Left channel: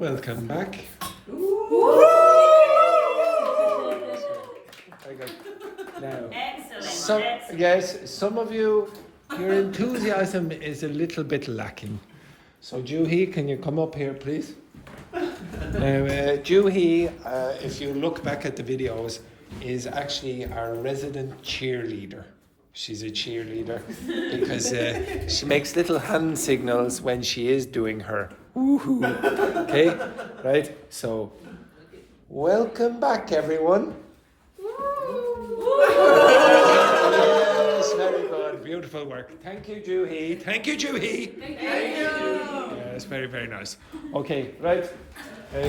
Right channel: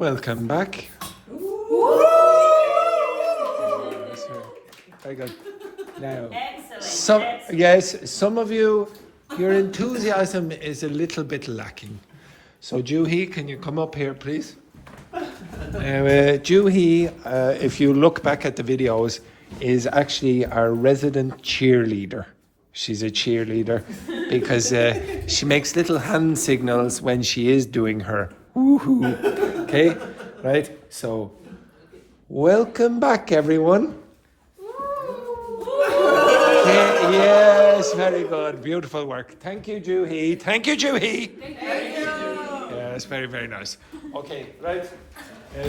Welcome back. Very good. Now, Excellent. yes, some of you, your enthusiasm is a little bit lacking. So Juhee, can you come up here, please? Now, Juhee, if you look back at the videos, is actually our resident cheerleader. She's a cheerleader because she makes little hand signals when she is doing her woohoo. Okay, right? So, welcome back, everyone. Okay, yes, very good. Beautiful work. Thank you, Juhee. Thank you, Juhee. Thank you. Yes, very, very nice. Okay, right.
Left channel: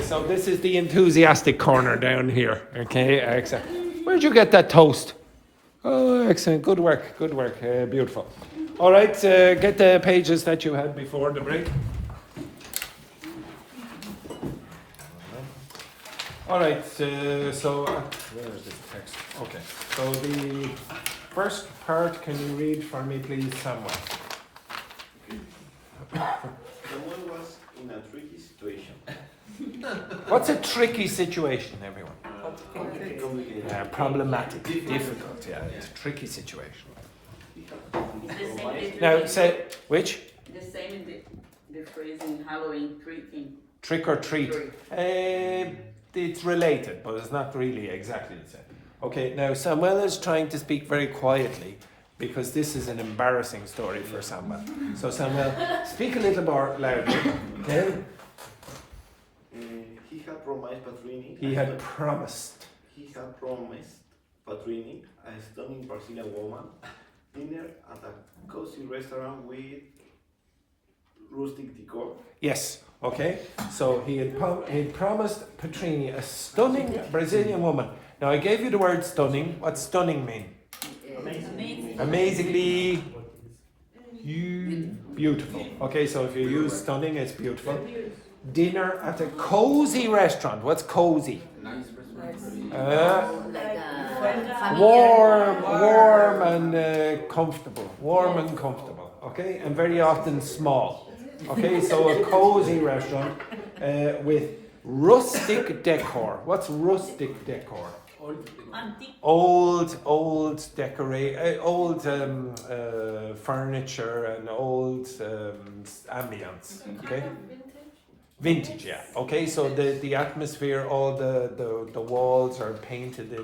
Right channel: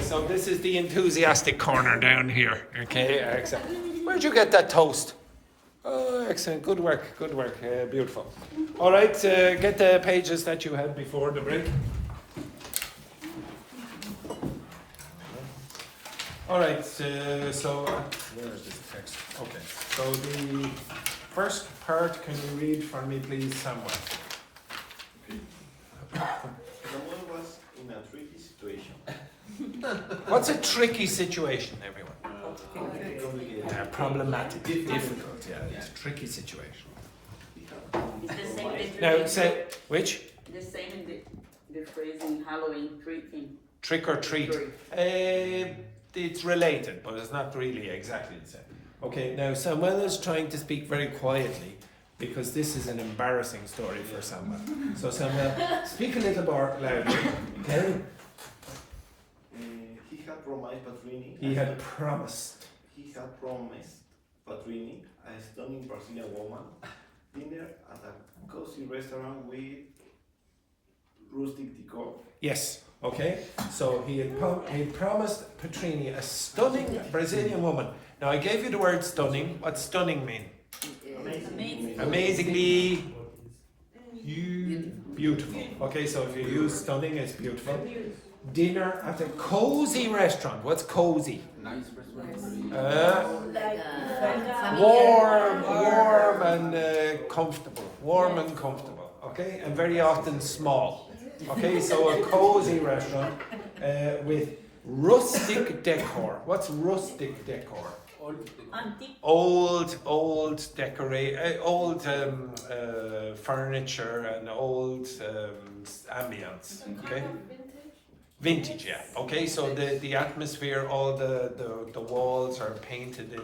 So this is the enthusiastic corner down here. Okay, excellent. Where'd you get that toast? Oh, excellent. Good work. Good work. Beautiful. All right, get the pages that you had before the break. All right, so where is this text? Okay, so the first part, can you read for me, please, Samuel? Someone was in a tricky situation. What's a tricky situation, everyone? Problematic, difficult, yeah, it's a tricky situation. Now, say, which? The same in the phrase in Halloween, treating. Trick or treat. It's related, but it's not really exactly the same. Okay, now Samuel is trying to speak very quietly because this is an embarrassing story for Samuel. So Samuel, speak a little more loudly, okay? He had promised Patrine. He had promised. He had promised Patrine, a stunning Brazilian woman, dinner at a cozy restaurant with rustic decor. Yes, okay. So he had promised Patrine a stunning Brazilian woman. Now I gave you the word stunning. What's stunning mean? Amazing. Amazingly beautiful. Okay, so if you use stunning, it's beautiful. Dinner at a cozy restaurant. What's cozy? Nice restaurant. Warm and comfortable. Warm and comfortable. Okay, and very often small. Okay, so a cozy restaurant with rustic decor. What's rustic decor? Old furniture and old ambience. Okay. Vintage, yeah. Okay, so the atmosphere, all the walls are painted in,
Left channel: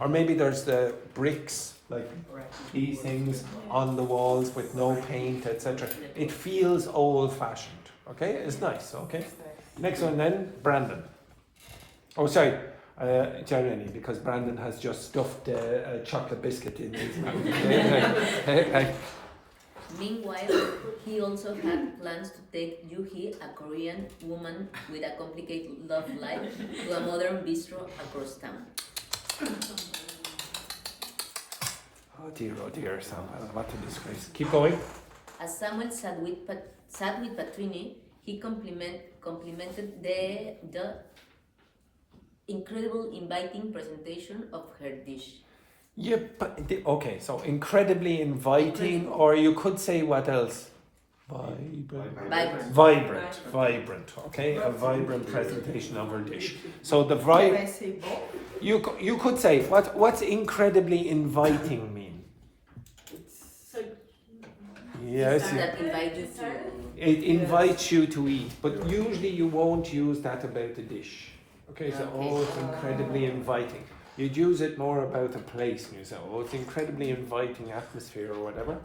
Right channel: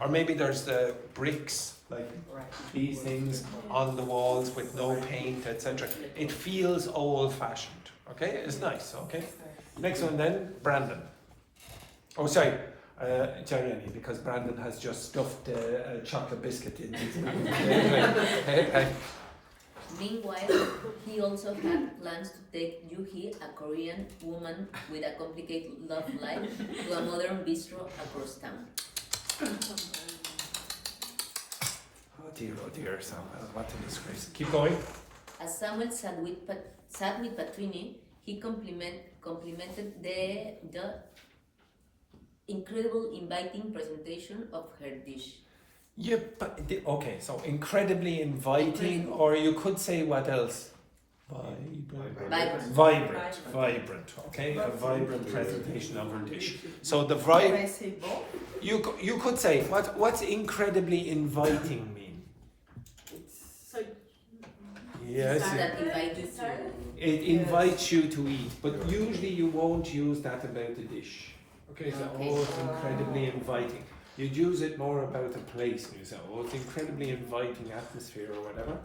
or maybe there's the bricks, like these things on the walls with no paint, etc. It feels old-fashioned. Okay, it's nice. Okay. Next one then, Brandon. Oh, sorry, Jeremy, because Brandon has just stuffed a chocolate biscuit in his mouth. Meanwhile, he also had plans to take Juhee, a Korean woman with a complicated love life, to a modern bistro across town. Oh dear, Sam, what a disgrace. Keep going. As Samuel sat with Patrine, he complimented the incredible inviting presentation of her dish. Yeah, but okay, so incredibly inviting, or you could say what else? Vibrant. Okay, a vibrant presentation of her dish. So the you could say what's incredibly inviting mean? Yes, it invites you to eat, but usually you won't use that about the dish. Okay, so it's incredibly inviting. You'd use it more about a place, and you say, it's incredibly inviting atmosphere or whatever.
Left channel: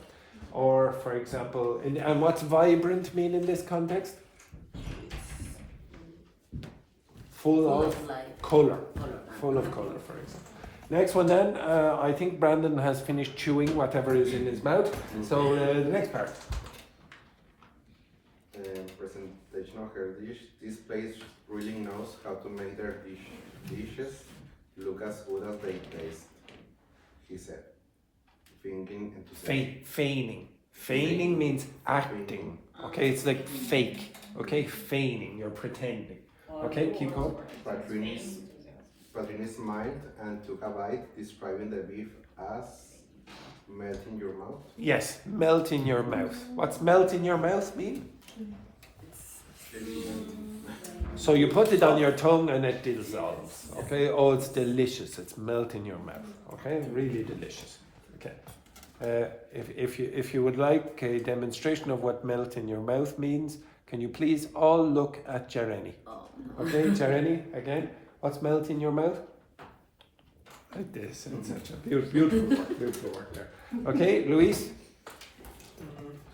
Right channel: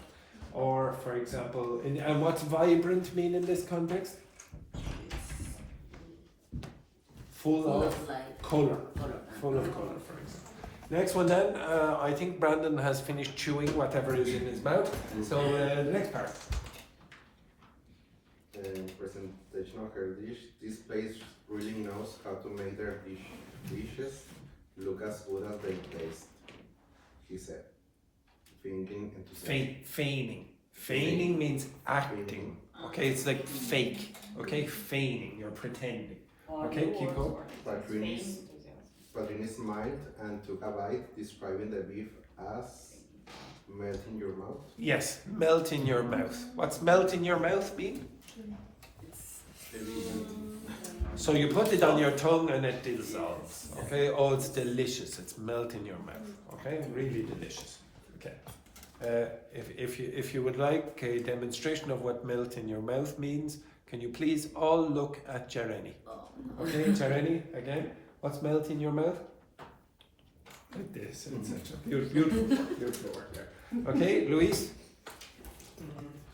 Or, for example, and what's vibrant mean in this context? Full of life. colour. Full of colour, for example. Next one then, I think Brandon has finished chewing whatever is in his mouth. So the next part. Presentation of her dish. This place really knows how to make their dishes look as good as they taste, he said, thinking enthusiastic. Feigning means acting. Okay, it's like fake. Okay, feigning, you're pretending. Okay, keep going. Patrine smiled and took a bite, describing the beef as melt in your mouth. Yes, melt in your mouth. What's melt in your mouth mean? So you put it on your tongue and it dissolves. Okay. Oh, it's delicious. It's melt in your mouth. Okay. Really delicious. Okay. If you would like a demonstration of what melt in your mouth means, can you please all look at Jereni? Oh, no. Okay, Jereni, again. What's melt in your mouth? Like this. It's beautiful work there. Okay, Luis.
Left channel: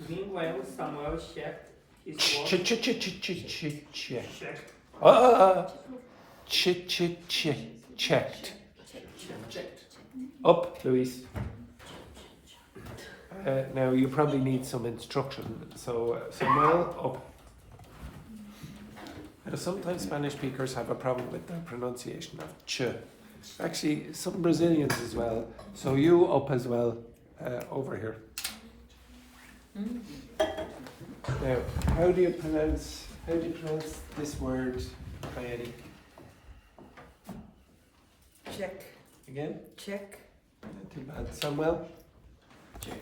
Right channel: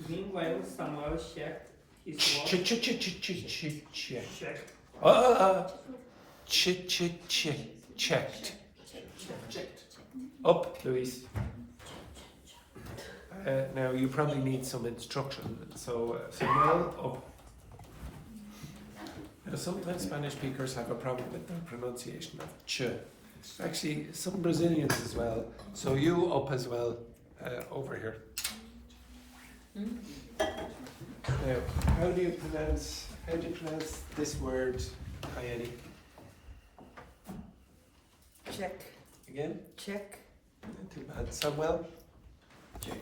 Meanwhile, Samuel checked his watch. Checked. Checked. Up, Luis. Now you probably need some instruction. So Samuel, up. Now, sometimes Spanish speakers have a problem with their pronunciation of ch. Actually, some Brazilians as well. So you up as well, over here. Now, how do you pronounce this word, Kaenny? Check. Again? Check. Not too bad. Samuel? Check.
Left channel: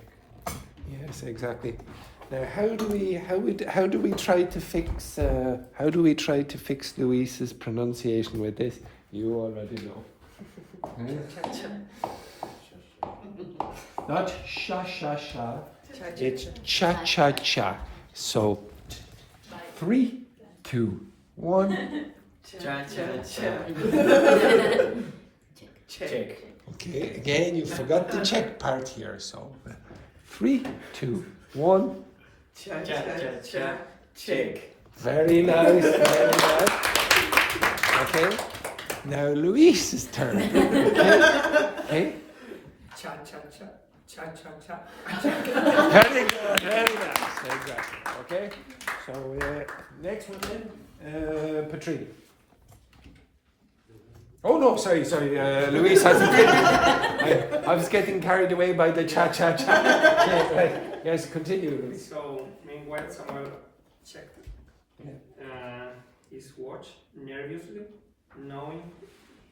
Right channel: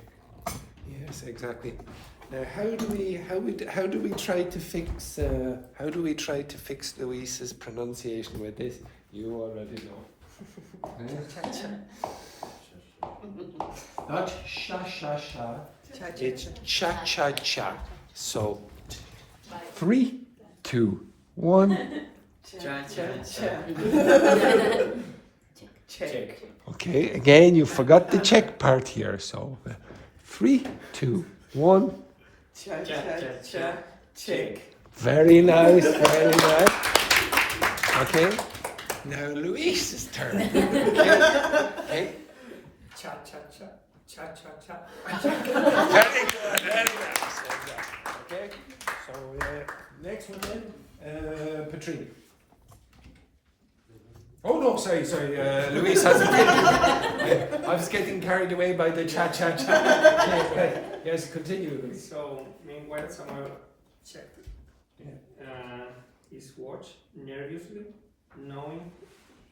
Yes, exactly. Now, how do we try to fix Luis's pronunciation with this? You already know. Not sha sha sha. It's cha cha cha. So 3, 2, 1. Check. Okay, again you forgot the check part here. So 3, 2, 1. Check. Very nice, very nice. Okay, now Luis's turn. Okay. Cha cha cha. Cha cha cha. Very good, very nice. Okay, so next one then, Patrine. Oh no, sorry, Luis hasn't. I was getting carried away by the cha cha cha. Yes, continue, Luis. So, meanwhile, Samuel checked his watch nervously, knowing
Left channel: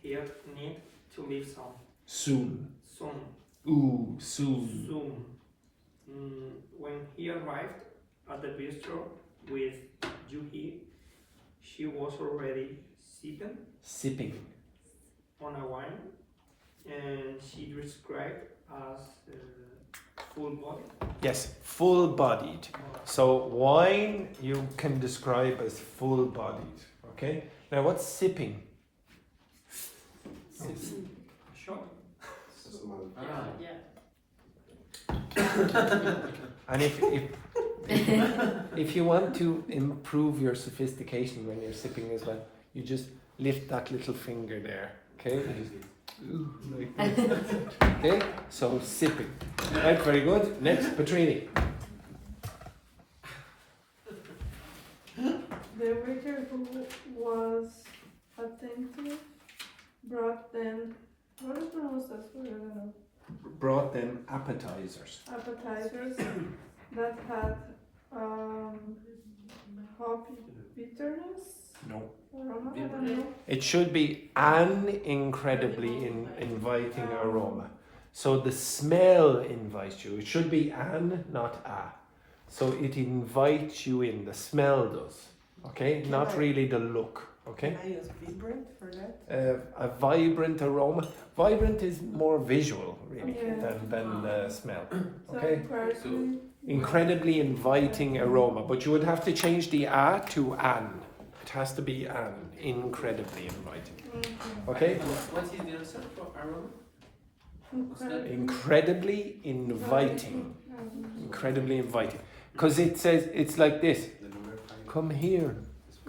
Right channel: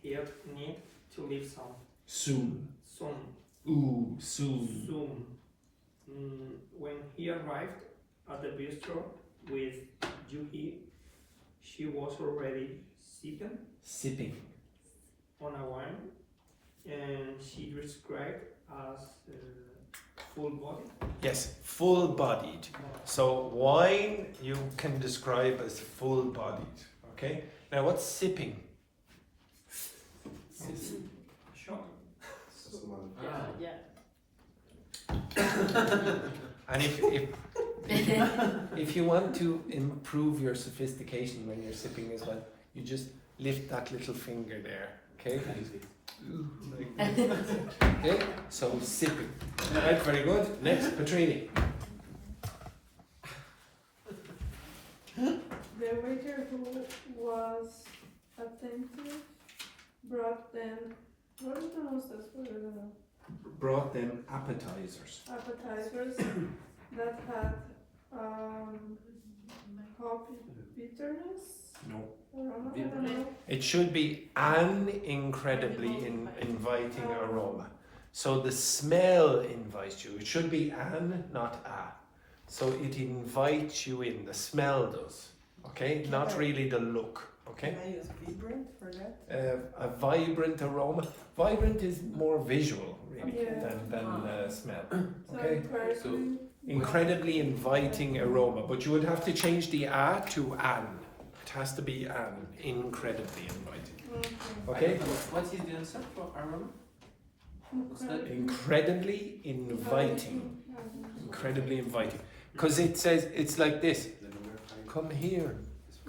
he need to leave Soon. soon. Ooh, soon. Soon. When he arrived at the bistro with Juhee, she was already Sipping. on a wine, and she described as full body. Yes, full-bodied. So wine you can describe as full-bodied. Okay. Now what's sipping? Sure. And if you want to improve your sophistication when you're sipping as well, you just lift that little finger there. Okay. Okay. So sipping. Right. Very good. Next, Patrine. The waiter who was attentive brought them, what is the most that word? I don't know. Brought them appetizers. Appetizers that had coffee bitterness. No. Aroma, I don't know. It should be an incredibly inviting aroma. So the smell invites you. It should be an, not a. So it invites you in. The smell does. Okay? Not really the look. Okay? Can I use vibrant for that? A vibrant aroma. Vibrant is more visual, really, Yeah. than smell. So Okay? personally, Incredibly inviting aroma. But you would have to change the a to an. It has to be an. Incredibly inviting. Okay? What is the answer for aroma? Incredibly inviting. Incredibly inviting. Because it says, it's like this. Come here.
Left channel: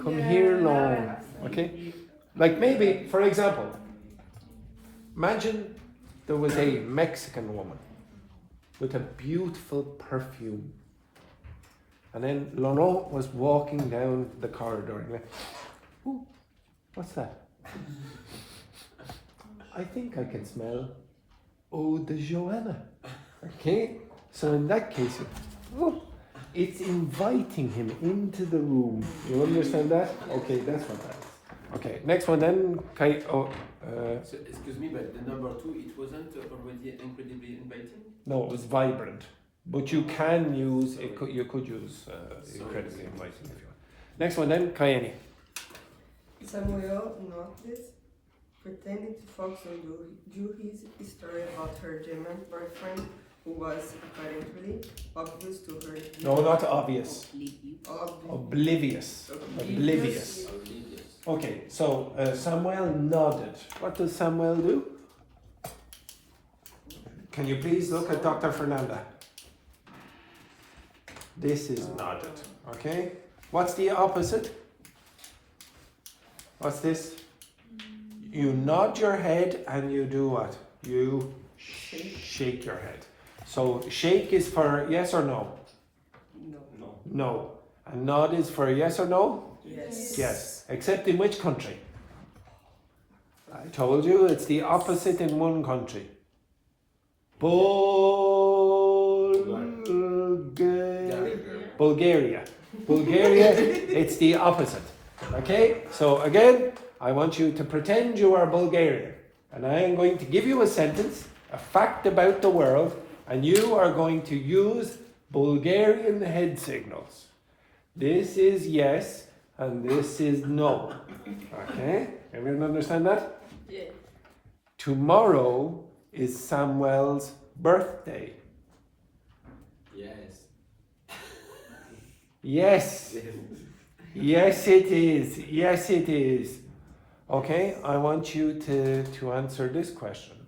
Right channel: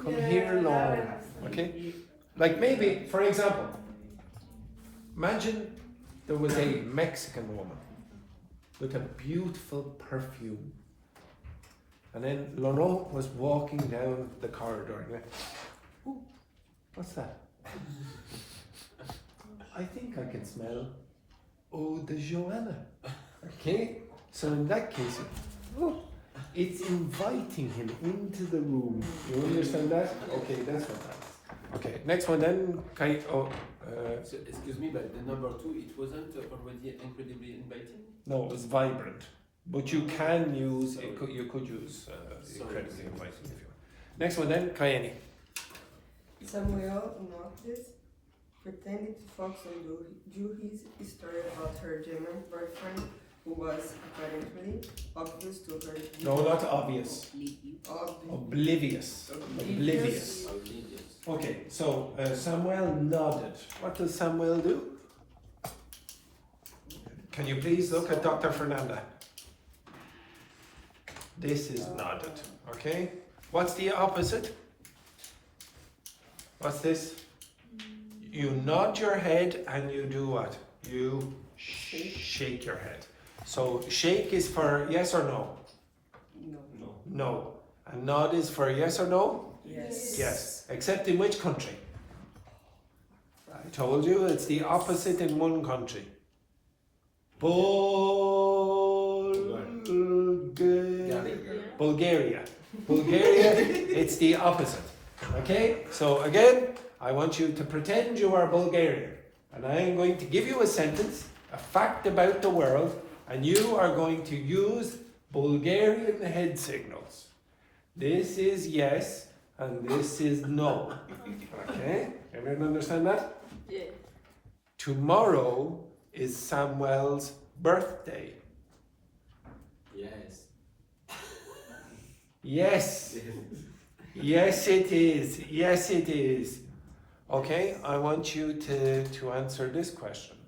Come here, Lord. Okay? Like maybe, for example, imagine there was a Mexican woman with a beautiful perfume. And then Laurent was walking down the corridor and went, ooh, what's that? I think I can smell eau de Joanna. Okay? So in that case, oh, it's inviting him into the room. You understand that? Okay, that's what that is. Okay, next one then. Okay, So, excuse me, but the number 2, it wasn't already incredibly inviting? no, it was vibrant. But you can use, you could use incredibly inviting if you want. Next one then, Kaenny. Samuel noticed, pretending to focus on Juhee's story about her German boyfriend, who was apparently obvious to her. No, not obvious. Oblivious. Oblivious. Okay, so Samuel nodded. What does Samuel do? Can you please look at Dr. Fernanda? This is nodded. Okay? What's the opposite? What's this? You nod your head and you do what? You shake your head. So shake is for yes or no? No. No. And nod is for yes or no? Yes. Yes. Except in which country? I told you it's the opposite in one country. Bulgaria. Bulgaria, it's the opposite. Okay? So again, I want you to pretend you are Bulgarian. And I am going to give you a sentence, a fact about the world, and you are going to use Bulgarian head signals. This is yes, and this is no. Okay? Everyone understand that? Yeah. Tomorrow is Samuel's birthday. Yes. Yes. Yes, it is. Yes, it is. Okay, I want you to answer this question.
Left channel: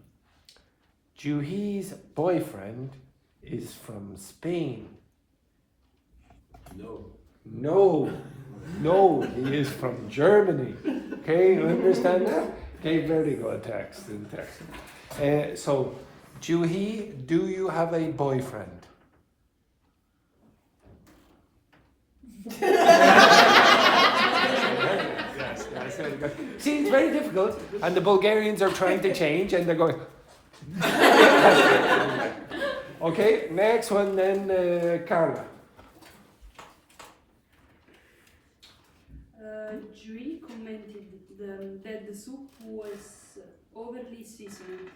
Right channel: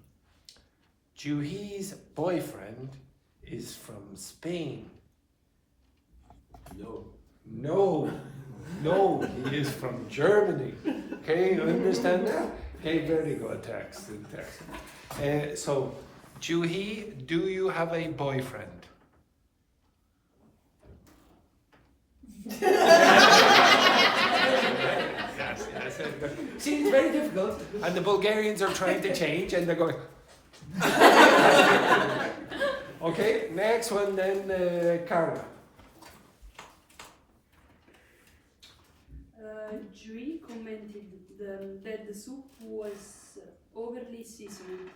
Juhee's boyfriend is from Spain. No. No, no, he is from Germany. Okay, you understand that? Okay, very good, text. So, Juhee, do you have a boyfriend? Yes. See, it's very difficult, and the Bulgarians are trying to change, and they're going. Okay, next one then, Carla. Juhee commented that the soup was overly seasoned,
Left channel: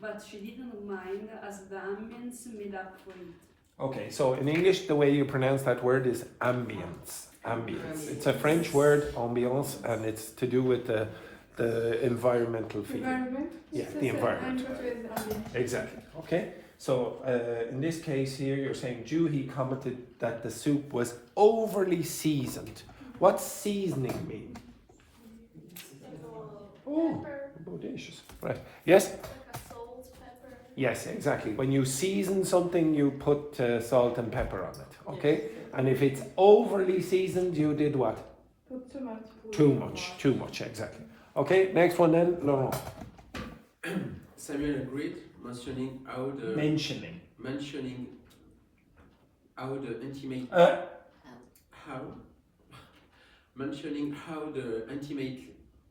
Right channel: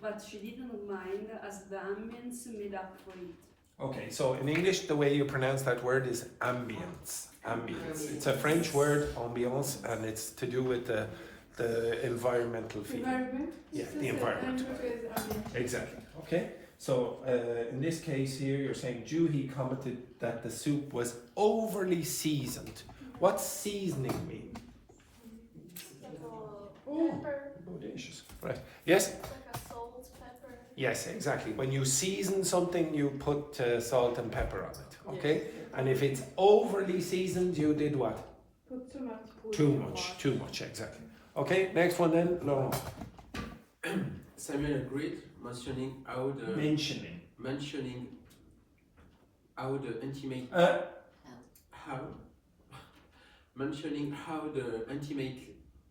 but she didn't mind as the ambience made up for it. Okay, so in English, the way you pronounce that word is ambience. Ambience. It's a French word, ambiance, and it's to do with the environmental feeling. Environment? Yeah, the environment. Exactly. Okay. So in this case here, you're saying Juhee commented that the soup was overly seasoned. What's seasoning mean? Oh, delicious. Right. Yes? Like a salt, pepper. Yes, exactly. When you season something, you put salt and pepper on it. Okay? And if it's overly seasoned, you did what? Put too much. Too much, exactly. Okay, next one then, Laurent. Samuel agreed, mentioning how the intimate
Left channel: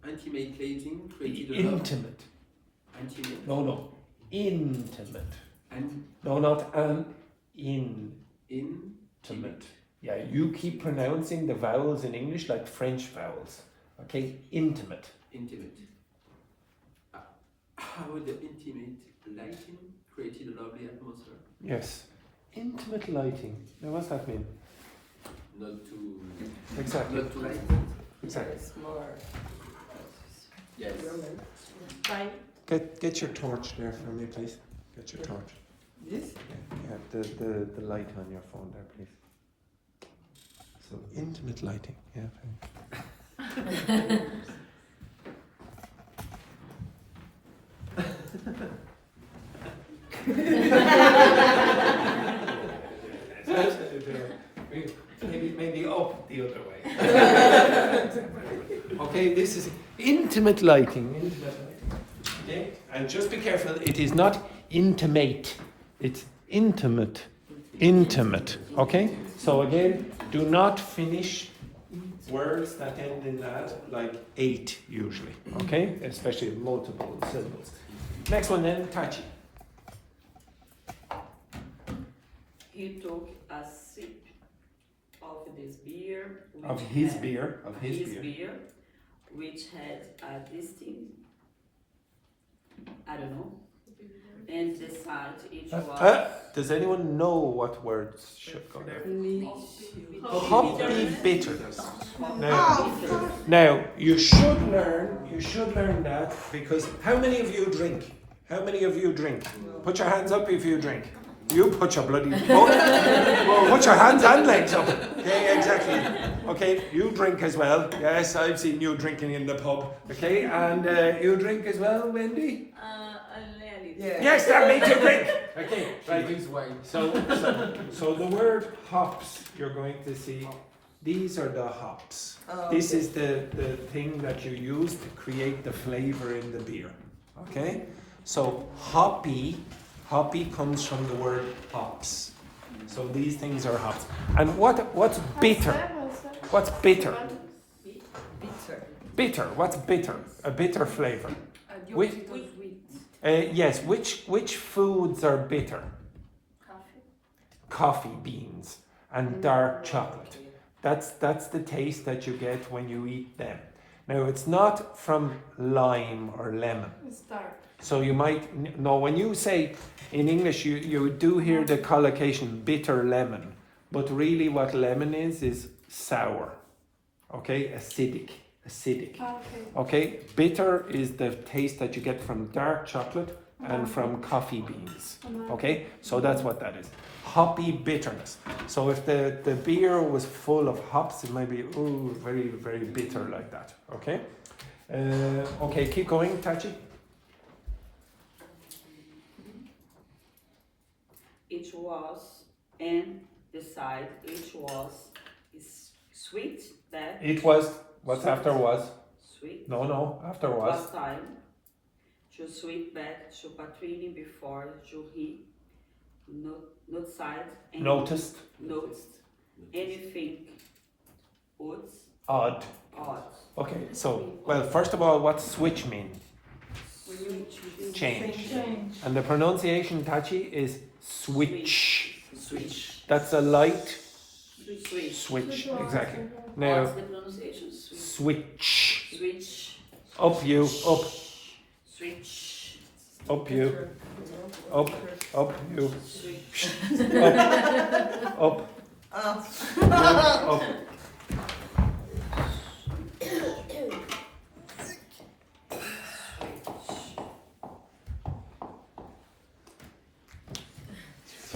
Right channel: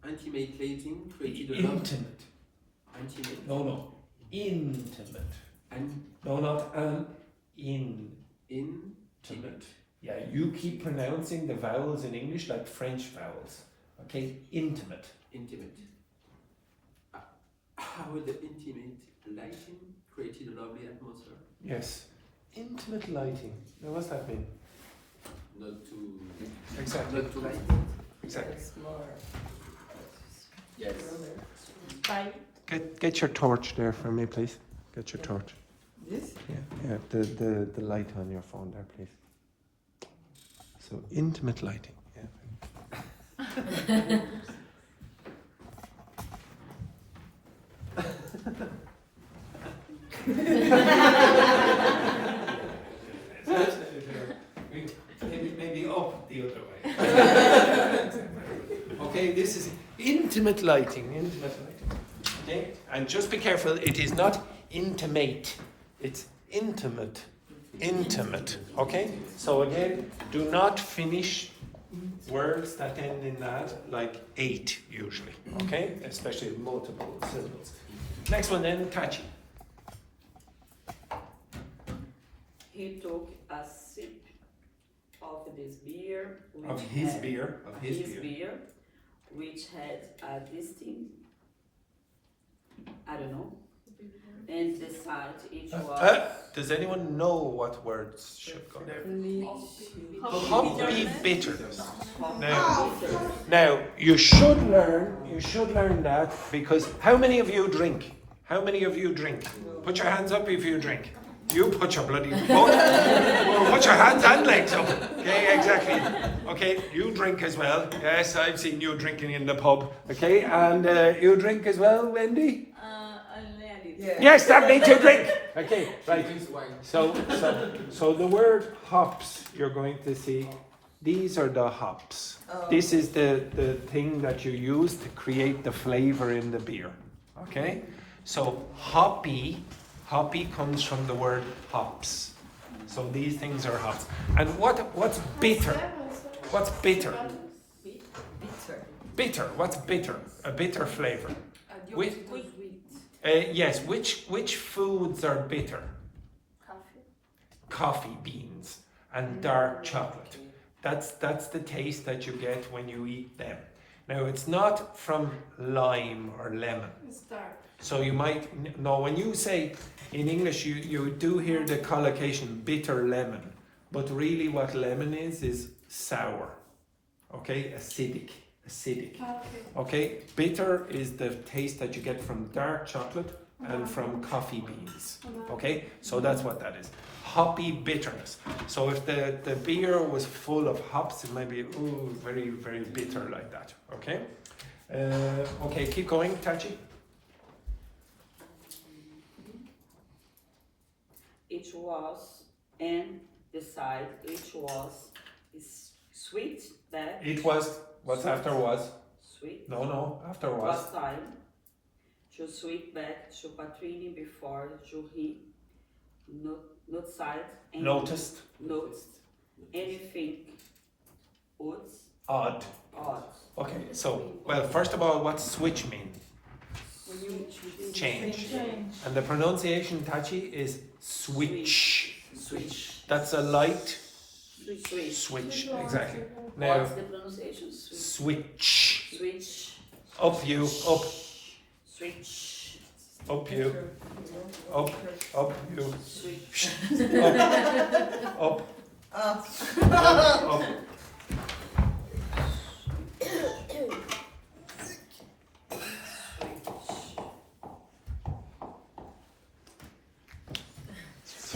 intimating created a love. Intimate. Intimate. No. Intimate. And No, not an. intimate. Yeah, you keep pronouncing the vowels in English like French vowels. Okay, intimate. How the intimate lighting created a lovely atmosphere. Yes. Intimate lighting. Now, what's that mean? Not too Exactly. not too light. Exactly. It's more. Yes. Get your torch there for me, please. Get your torch. This? Yeah, the light on your phone there, please. So intimate lighting. Yeah. Maybe up the other way. Okay, this is intimate lighting. Okay, and just be careful. It is not intimate. It's intimate. Okay. So again, do not finish words that end in that like 8 usually. Okay, especially multiple syllables. Next one then, Tachi. He took a sip of this beer, Of his beer. which had a distinct, I don't know, And the side, each was Does anyone know what words should go there? hoppy Hoppy bitters. bitter. Now you should learn that because how many of you drink? How many of you drink? Put your hands up if you drink. You put your bloody put your hands and legs up. Okay, exactly. Okay, you drink as well. Yes, I've seen you drinking in the pub. Okay, and you drink as well, Wendy? Yeah. Yes, that makes you drink. Okay, right. Drinks wine. So the word hops, you're going to see, these are the hops. This is the thing that you use to create the flavor in the beer. Okay? So hoppy comes from the word hops. So these things are hops. And what's bitter? What's bitter? Bitter. What's bitter? A bitter flavor. Yes, which foods are bitter? Coffee beans and dark chocolate. That's the taste that you get when you eat them. Now it's not from lime or lemon. It's dark. So you might know when you say in English you do hear the collocation bitter lemon, but really what lemon is sour. Okay, acidic. Okay, bitter is the taste that you get from dark chocolate and from coffee beans. Okay, so that's what that is. Hoppy bitterness. So if the beer was full of hops, it might be very, very bitter like that. Okay, okay, keep going, Tachi. Each was, and the side, each was is sweet back. It was, what's after was? Sweet. No, after was. Was time to sweet back to Patrine before Juhee not side and Noticed. Anything Odd. odd. Okay, so, well, first of all, what's switch mean? When you Change. And the pronunciation, Tachi, is switch. switch. That's a light Switch. switch, exactly. Now, What's the pronunciation? switch. Switch. Up you, up, Switch. up you, up you, Switch. up, up.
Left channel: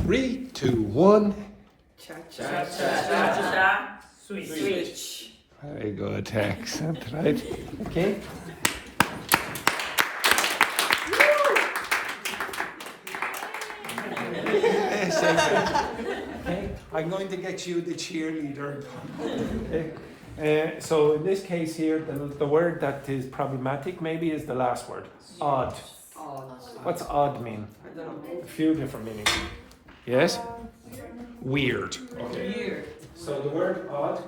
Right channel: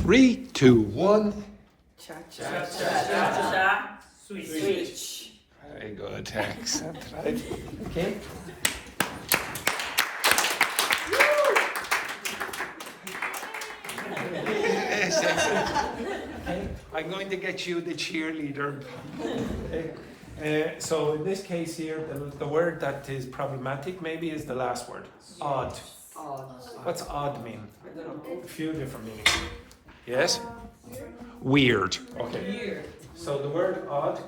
3, 2, 1. Cha-cha. Switch. Very good, excellent, right? Okay. Yes, okay. I'm going to get you the cheerleader. So in this case here, the word that is problematic maybe is the last word. Odd. What's odd mean? A few different meanings. Yes? Weird. Okay. So the word odd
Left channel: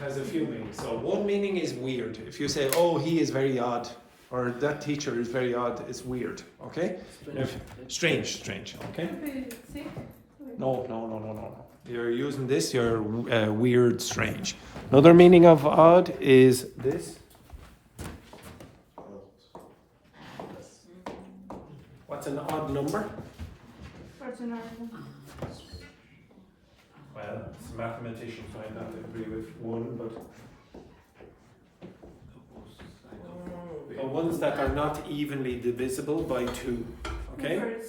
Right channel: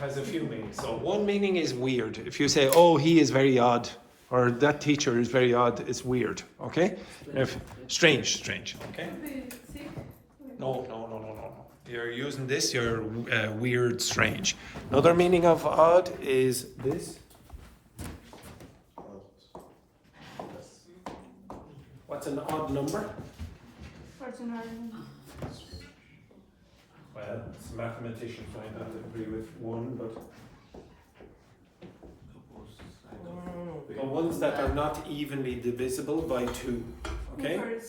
has a few meanings. So one meaning is weird. If you say, oh, he is very odd, or that teacher is very odd, it's weird. Okay? Strange. Okay? No. You're using this, you're weird, strange. Another meaning of odd is this. What's an odd number? Well, mathematicians might not agree with one, but the ones that are not evenly divisible by 2. Okay?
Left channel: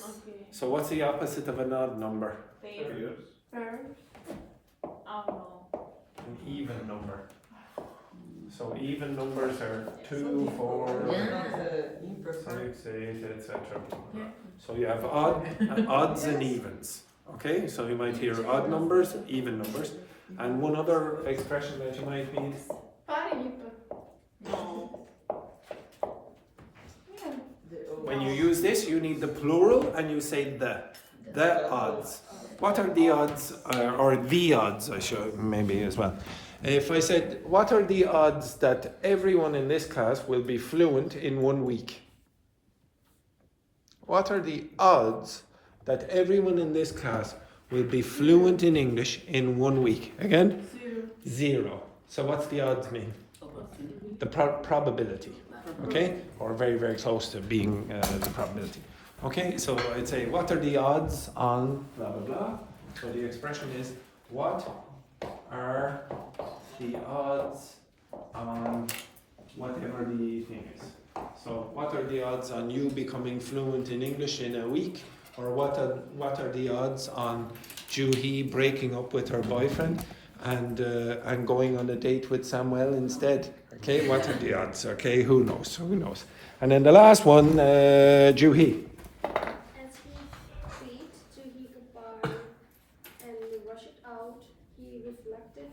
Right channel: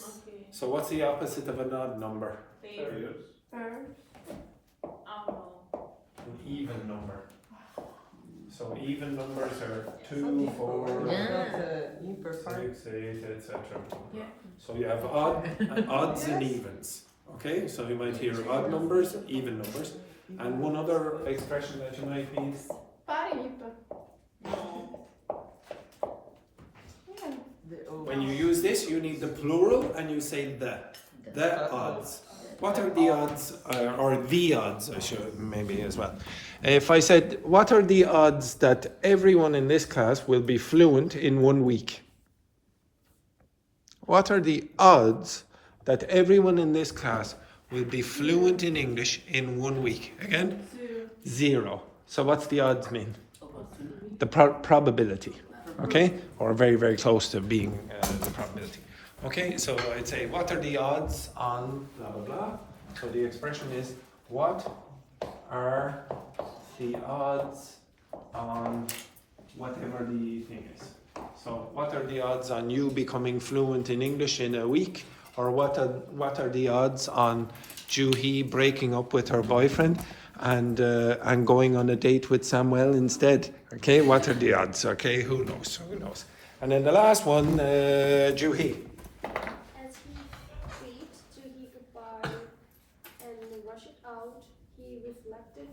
So what's the opposite of an odd number? An even number. So even numbers are 2, 4, 6, 8, etc. So you have odds and evens. Okay, so you might hear odd numbers, even numbers. And one other expression that you might need. When you use this, you need the plural and you say the odds. What are the odds, or the odds, I should maybe as well. If I said, what are the odds that everyone in this class will be fluent in 1 week? What are the odds that everyone in this class will be fluent in English in 1 week? Again? 0. So what's the odds mean? The probability. Okay? Or very, very close to being the probability. Okay, so I'd say, what are the odds on blah blah blah? So the expression is, what are the odds on whatever the thing is? So what are the odds on you becoming fluent in English in a week? Or what are the odds on Juhee breaking up with her boyfriend and going on a date with Samuel instead? Okay, what are the odds? Okay, who knows? Who knows? And then the last one, Juhee. As he bade Juhee goodbye and rushed out, he reflected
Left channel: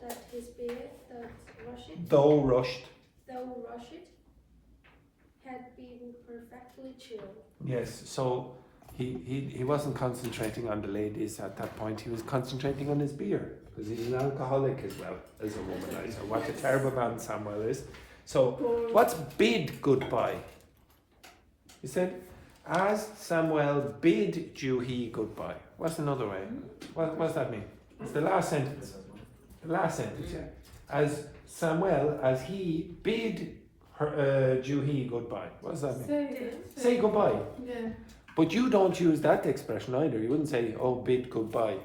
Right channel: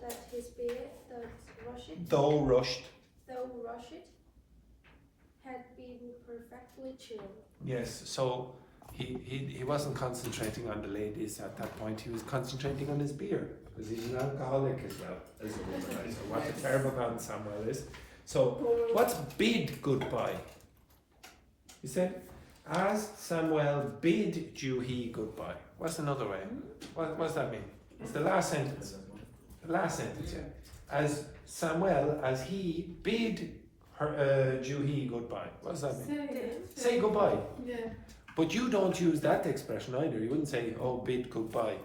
that his beard that Though rushed. had been perfectly chilled. Yes, so he wasn't concentrating on the ladies at that point, he was concentrating on his beer, because he's an alcoholic as well as a womanizer. What a terrible man Samuel is. So, what's bid goodbye? You said, as Samuel bid Juhee goodbye. What's another way? What does that mean? It's the last sentence. The last sentence, yeah. As Samuel, as he bid her, Juhee goodbye. What does that mean? Say goodbye. Yeah. But you don't use that expression either. You wouldn't say, oh, bid goodbye.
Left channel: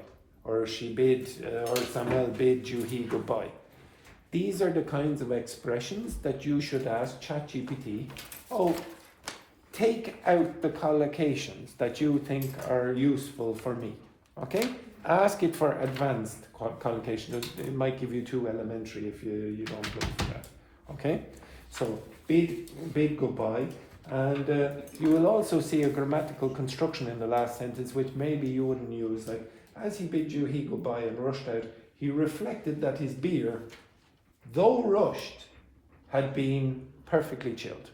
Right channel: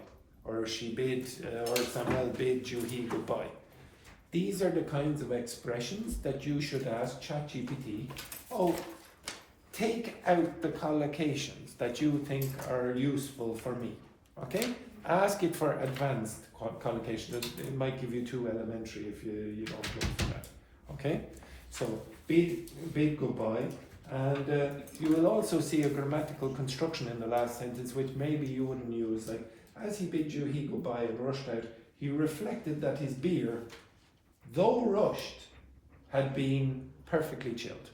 Or she bid, or Samuel bid Juhee goodbye. These are the kinds of expressions that you should ask ChatGPT. Oh, take out the collocations that you think are useful for me. Okay? Ask it for advanced collocations. It might give you too elementary if you don't look for that. Okay? So, bid goodbye. And you will also see a grammatical construction in the last sentence which maybe you wouldn't use. Like, as he bid Juhee goodbye and rushed out, he reflected that his beer, though rushed, had been perfectly chilled.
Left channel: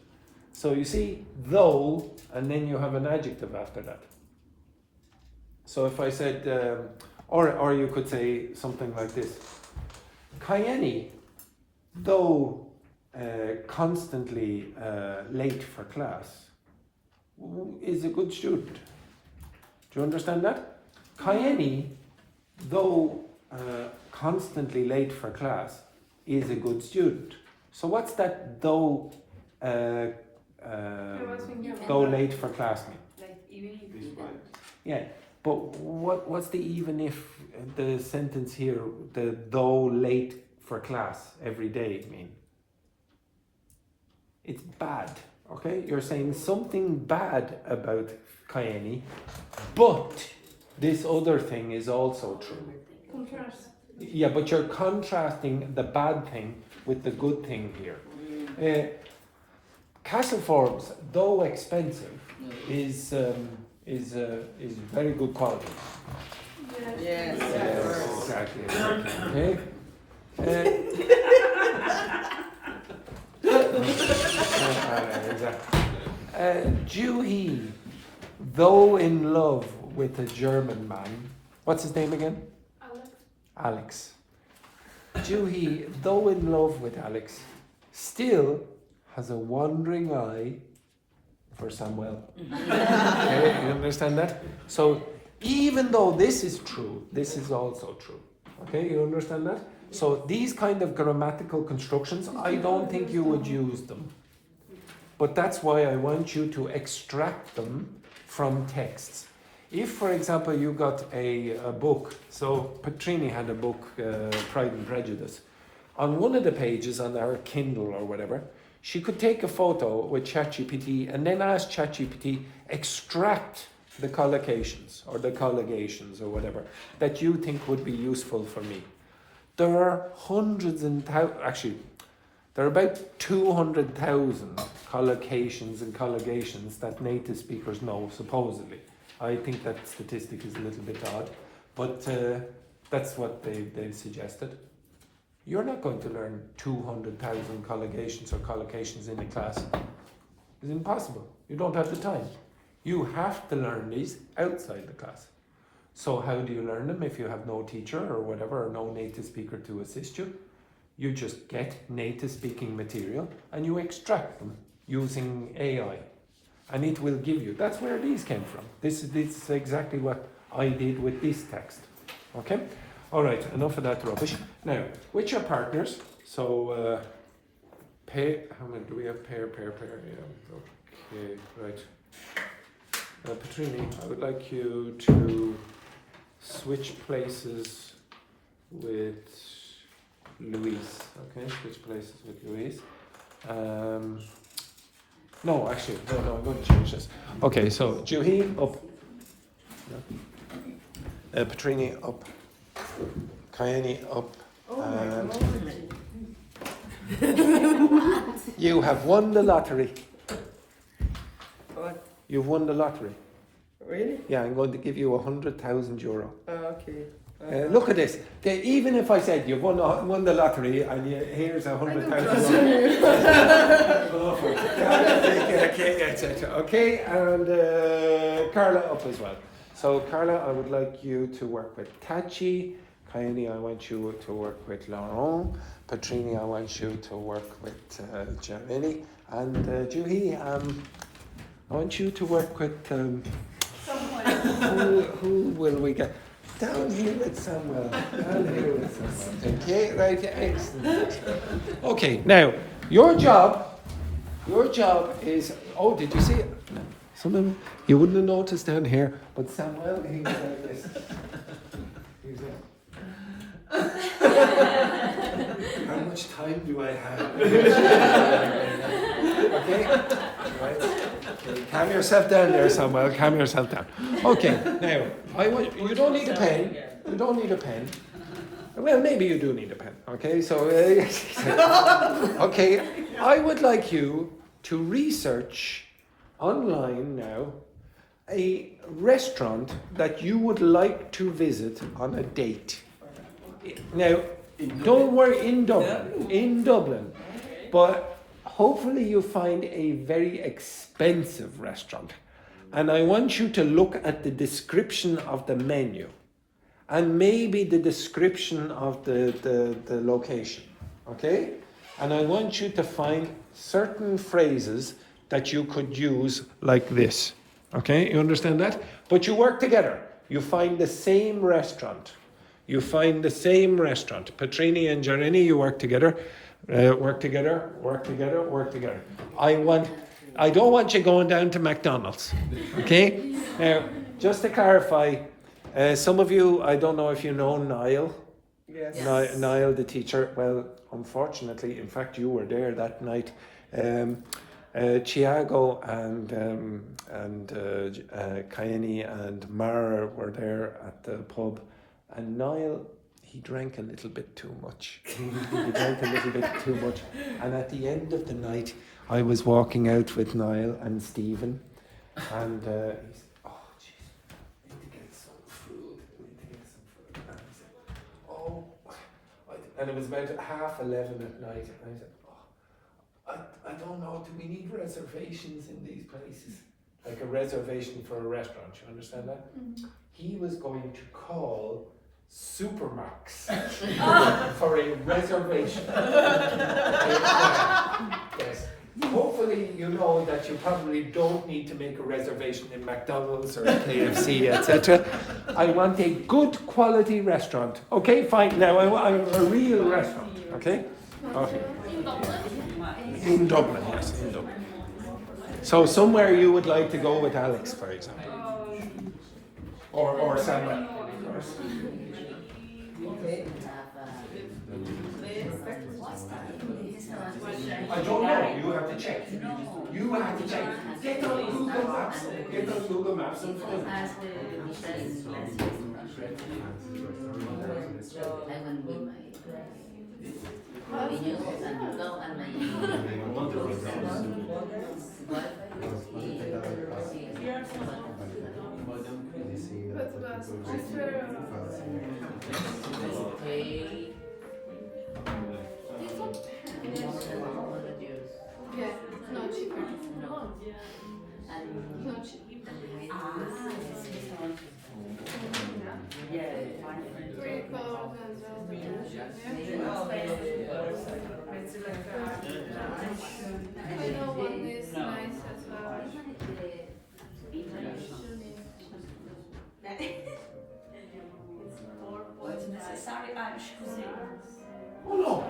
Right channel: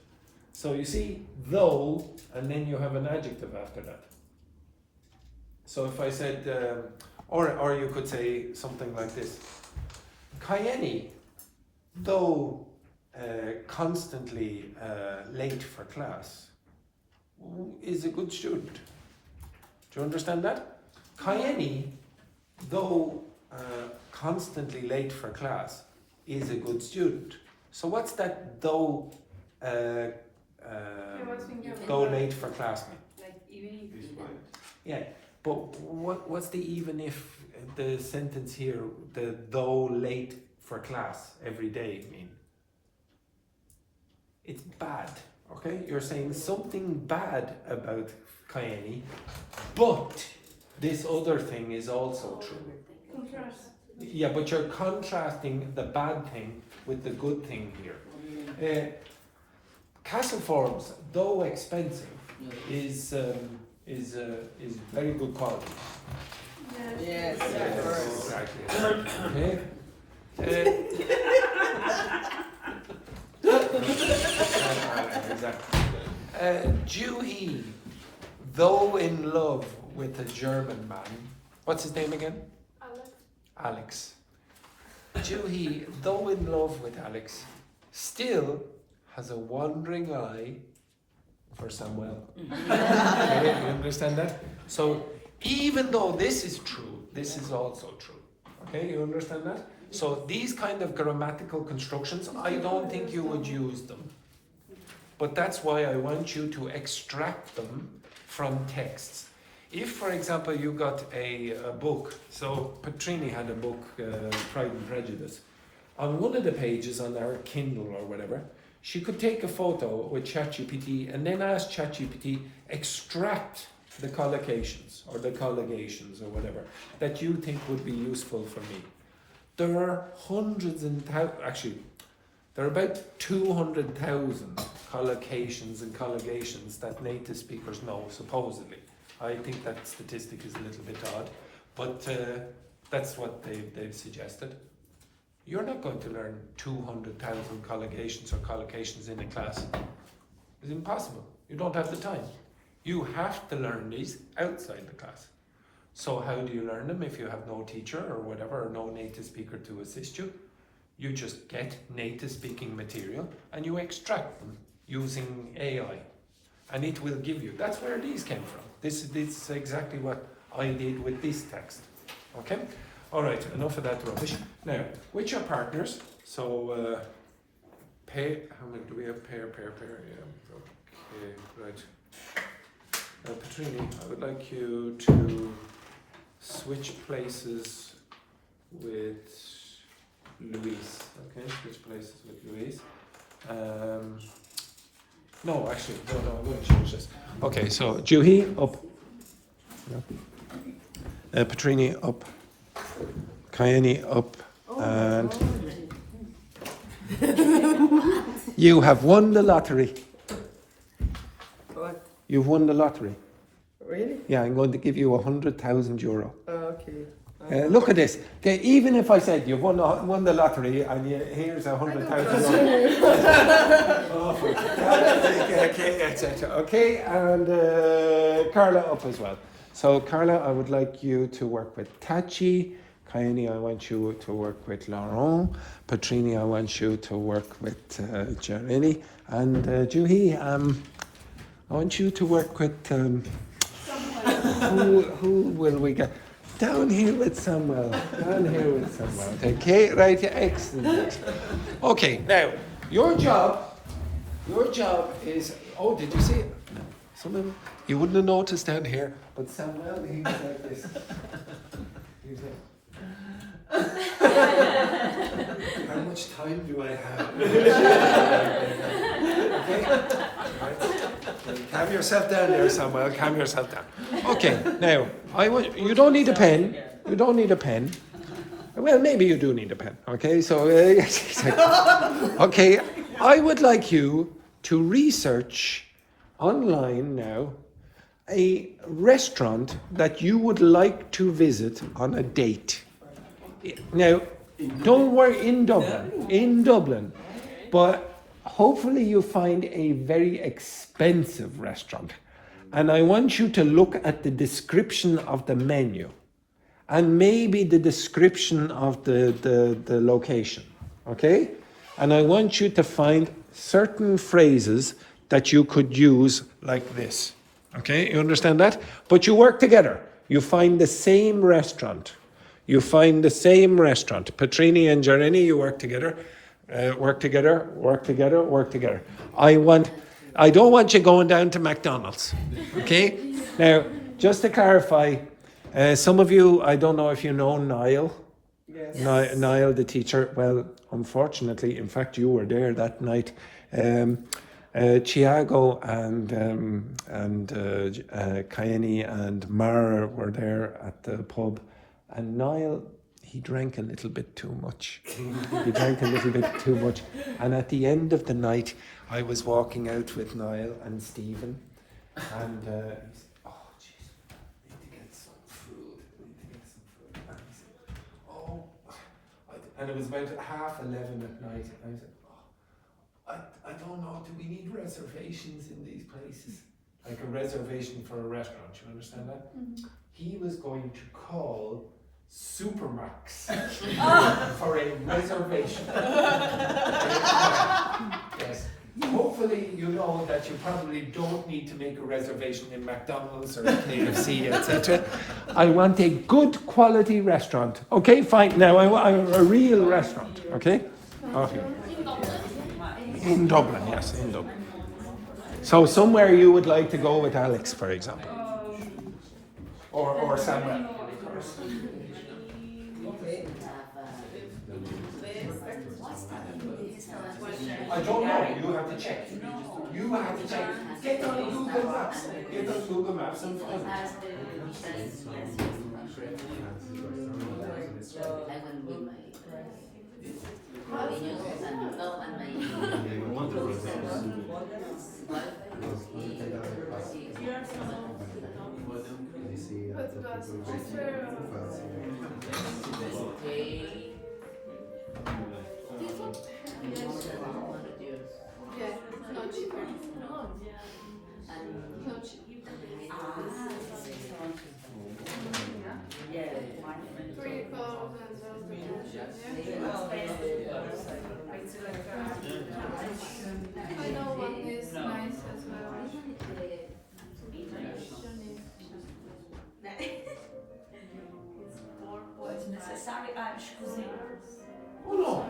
So you see, though, and then you have an adjective after that. So if I said, or you could say something like this. Kaenny, though constantly late for class, is a good student. Do you understand that? Kaenny, though constantly late for class, is a good student. So what's that though late for class mean? Like even if Yeah, but what's the even if the sentence here, the though late for class every day mean? It's bad, okay? You're saying something bad about Kaenny, but this other thing is also true. Contrast. Yeah, but you're contrasting the bad thing with the good thing here. Castleforms, though expensive, is very good quality. Yes. Exactly. Juhee, though in love with a German man, what's his name again? Alex. Juhee, though in love with Alex, still has a wandering eye for Samuel. Okay, you understand that? So even though this is true, this is also true. Okay, you understand that? So these kind of grammatical constructions, I don't think you would use them. But that's why I want you to extract them from texts. If, for example, you got a book, so Patrine had a book, Pride and Prejudice. On one of the pages on our Kindle or whatever, she could take a photo with ChatGPT and then ask ChatGPT, extract the collocations or the collocations or whatever that you think would be useful for me. There are hundreds and thousands, actually, there are about 200,000 collocations and collocations that native speakers know, supposedly. I think that statistic is a little bit odd, but that's what they've suggested. You're not going to learn 200,000 collocations or collocations in a class. It's impossible. You don't have the time. You have to learn these outside the class. So how do you learn them if you have no teacher or whatever, or no native speaker to assist you? You just get native speaking material and you extract them using AI. And it will give you, that's where these came from. This is exactly what I did with this text. Okay? Alright, enough of that rubbish. Now, with your partners, so pair, how many do we have? Pair, yeah. Okay, right. Patrine, I would like you to switch places with Louise. Okay, switch places with Louise. No, actually, no, I'm going to change this. Okay, so Juhee up. Patrine up. Kaenny up. And you have won the lottery. What? You've won the lottery. Really? Yeah, I'm going to give you €100,000. Okay. Look at this. Okay, even if I said you've won the lottery and here's €100,000. Okay, and Carla up as well. So Carla, I would like you to work with Tachi. Kaenny, I want you to work with Laurent. Patrine, I want you to work with Jeremy. And Juhee, I want you to work with who will we get? Down here with Samuel. Down here with Samuel. Okay, right, excellent. Okay, now your job is, oh, did you see it? Someone, you wouldn't have noticed down here, but Samuel, he was like this. He was like, how much time do I have? Okay, right. Calm yourself down there, Samuel. Calm yourself down. Okay, now you don't need a pen. You don't need a pen. Well, maybe you do need a pen. Okay, so okay, I would like you to research online now a restaurant that you would like to visit on a date. Now, don't worry, in Dublin, but hopefully you find a very expensive restaurant. And I want you to look at the description of the menu and maybe the description of the location, okay? And I want you to find certain phrases that you could use like this, okay? You understand that? But you work together. You find the same restaurant. Patrine and Jeremy, you work together. Work together. I don't want you going down to McDonald's. Okay? Now, just to clarify, some of you, I don't know if you know Niall. Yes. Niall, the teacher. Well, unfortunately, in fact, you were there that night. Thiago and Kaenny and Mara were there at the pub. And Niall, he drank a little bit too much. And at the end of the night, I was walking out with Niall and Stephen. And he said, oh, jeez, I need to get some food. And I said, oh. And it was about 11:30 at night. And I said, oh, I don't know, do we need reservations in these places? Like a reservation for a restaurant, you understand that? Mm-hmm. He was going to call Supermax for a reservation. Yes. Hopefully you know that you probably don't need to make a reservation in McDonald's or KFC, etc. I want a good quality restaurant. Okay, fine. Now I want a real restaurant. Okay? Okay. In Dublin, yes, in Dublin. So somewhere you would like to go with Alex, for example. Or Samuel. I don't know, you have to check. Get on Google Maps. And find it. Yeah, no cheaper. No cheaper. Pretty cold and I know one is nice as well. What's necessary? Oh no.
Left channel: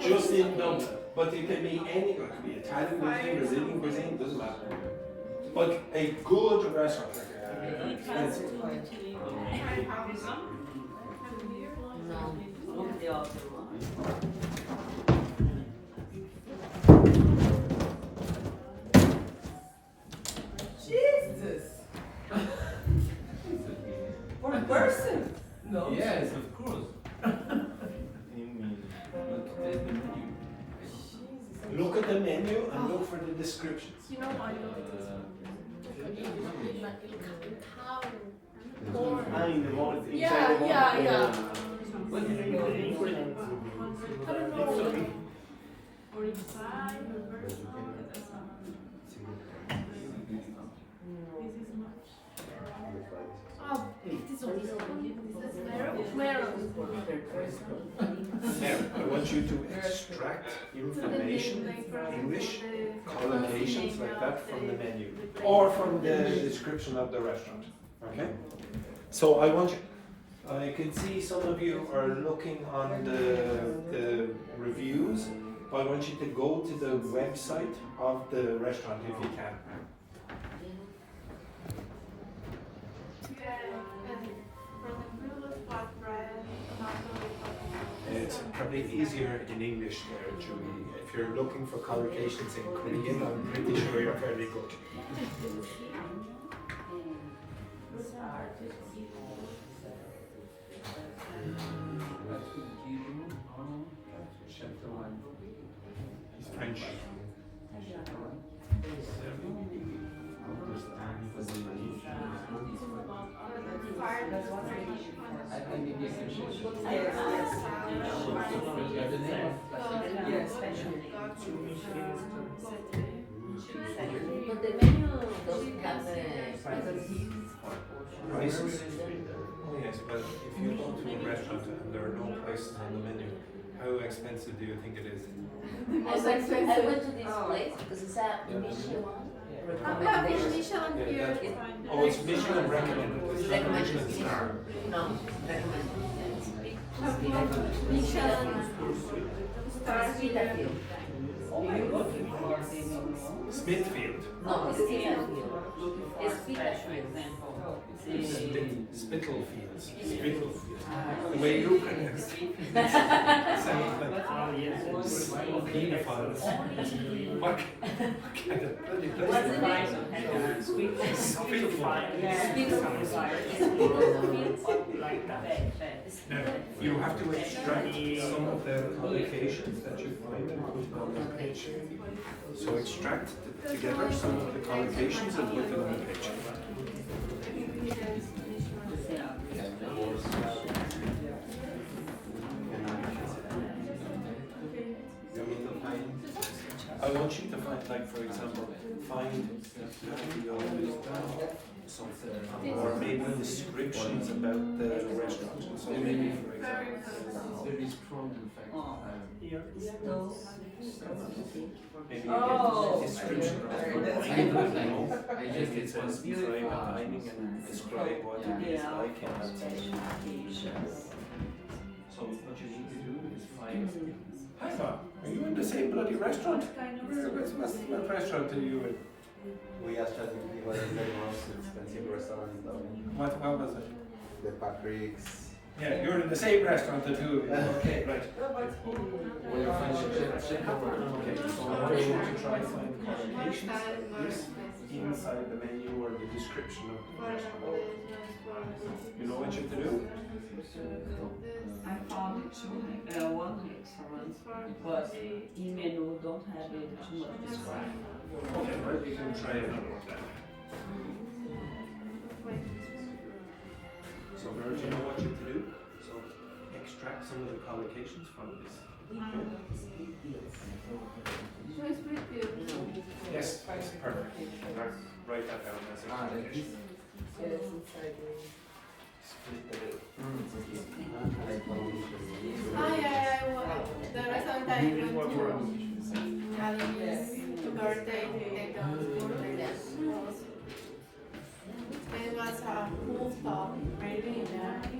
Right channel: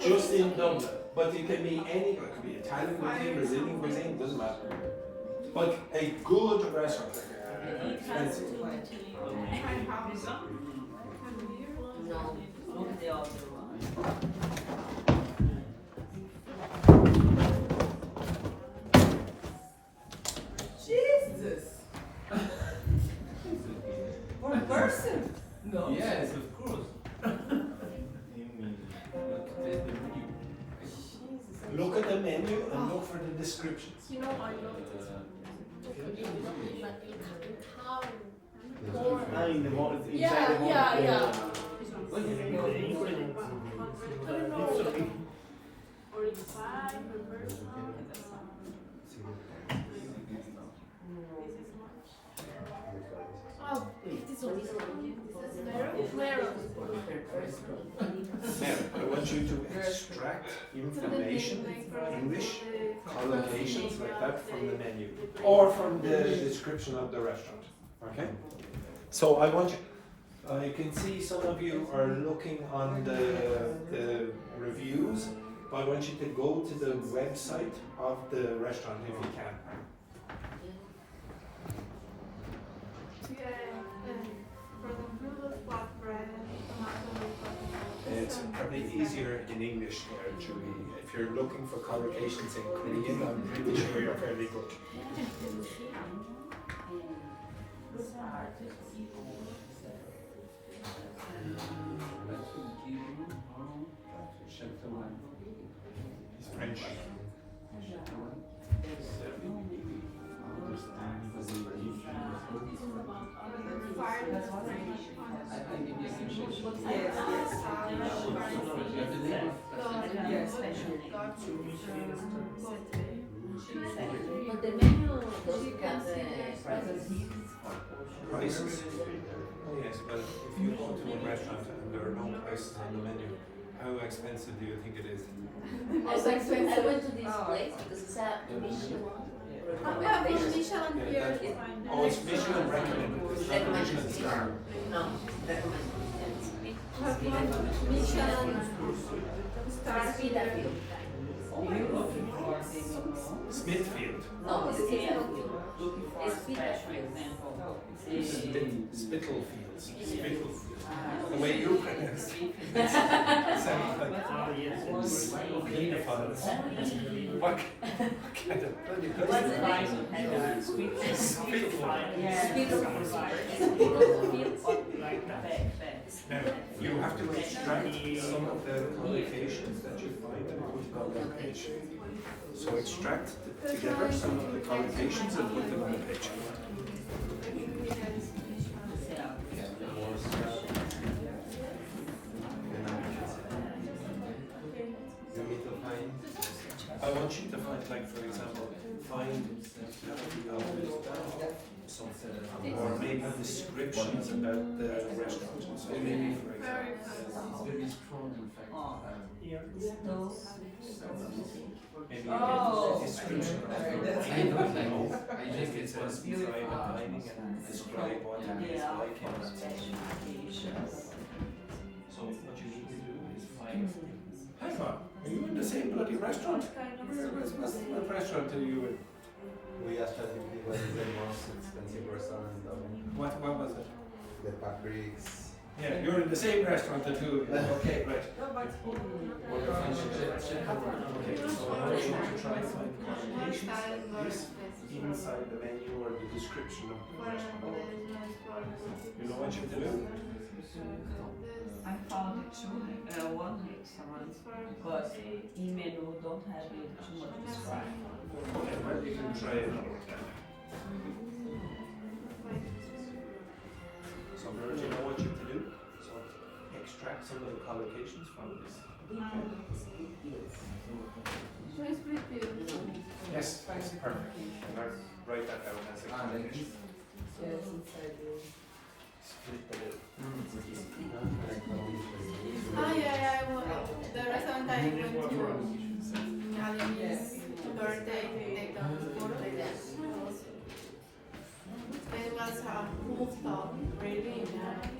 Just in Dublin. But it can be any, it could be Italian cuisine, Brazilian cuisine, doesn't matter. But a good restaurant. Expensive. No, look the other one. Jesus! For a person? No. Yes, of course. Look at the menu and look for the descriptions. You know, I know it is like cow. In the morning, Yeah, yeah, yeah. What do you think of the ingredients? I don't know. Oh, it is on this one. Marrow? Marrow. Now, I want you to extract information, English, collocations like that from the menu or from the description of the restaurant. Okay? So I want you, I can see some of you are looking on the reviews. I want you to go to the website of the restaurant if you can. It's probably easier in English there, Juhee. If you're looking for collocations in Korean, I'm pretty sure you're fairly good. He's French. But the menu doesn't have the prices. Prices? Oh yes, but if you go to a restaurant and there are no prices on the menu, how expensive do you think it is? I went to this place because it's a Michelin recommendation. Yeah, oh, it's Michelin recommended. It's not a Michelin star. No. Michelin. Smithfield. No, it's Spitalfield. It's Spitalfield. Spitalfields. Spitalfields. The way you pronounce it sounds like pedophiles. What kind of bloody place is it? Spitalfields. Now, you have to extract some of the collocations that you find and put them on the page. So extract together some of the collocations and put them on the page. I want you to find, like, for example, find something, or maybe descriptions about the restaurant. So maybe, for example, Very strong, in fact. maybe a description of I just it says design dining and describe what it is like. So what you need to do is find. Are you in the same bloody restaurant? What restaurant are you in? We asked ChatGPT what is the most expensive restaurant in Dogme. What was it? The Patrine's. Yeah, you're in the same restaurant that you. Okay, right. Well, you find check over. Okay, so I want you to try and find collocations inside the menu or the description of the restaurant. You know what you have to do? I found one restaurant, but in menu don't have it too much described. Okay, well, you can try another one then. So Virgil, you know what you have to do? So extract some of the collocations from this. Yes, that's perfect. Write that down as a collocation. The restaurant I went to, having his birthday, they don't photo. It was a rooftop, really nice.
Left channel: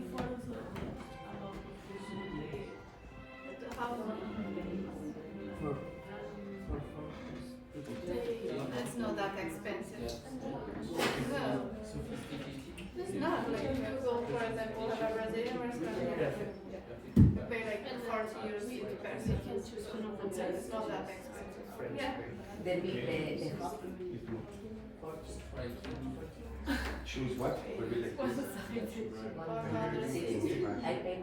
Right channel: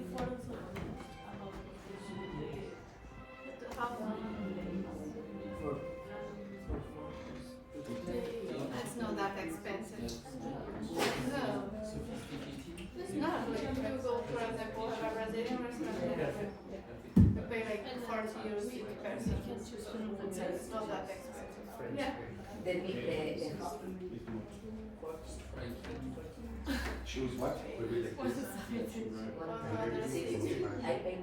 It's not that expensive. expensive. No. It's not like if you go for example have a Brazilian restaurant you pay like 40 euros per person. It's not that expensive. Yeah. Choose what? I paid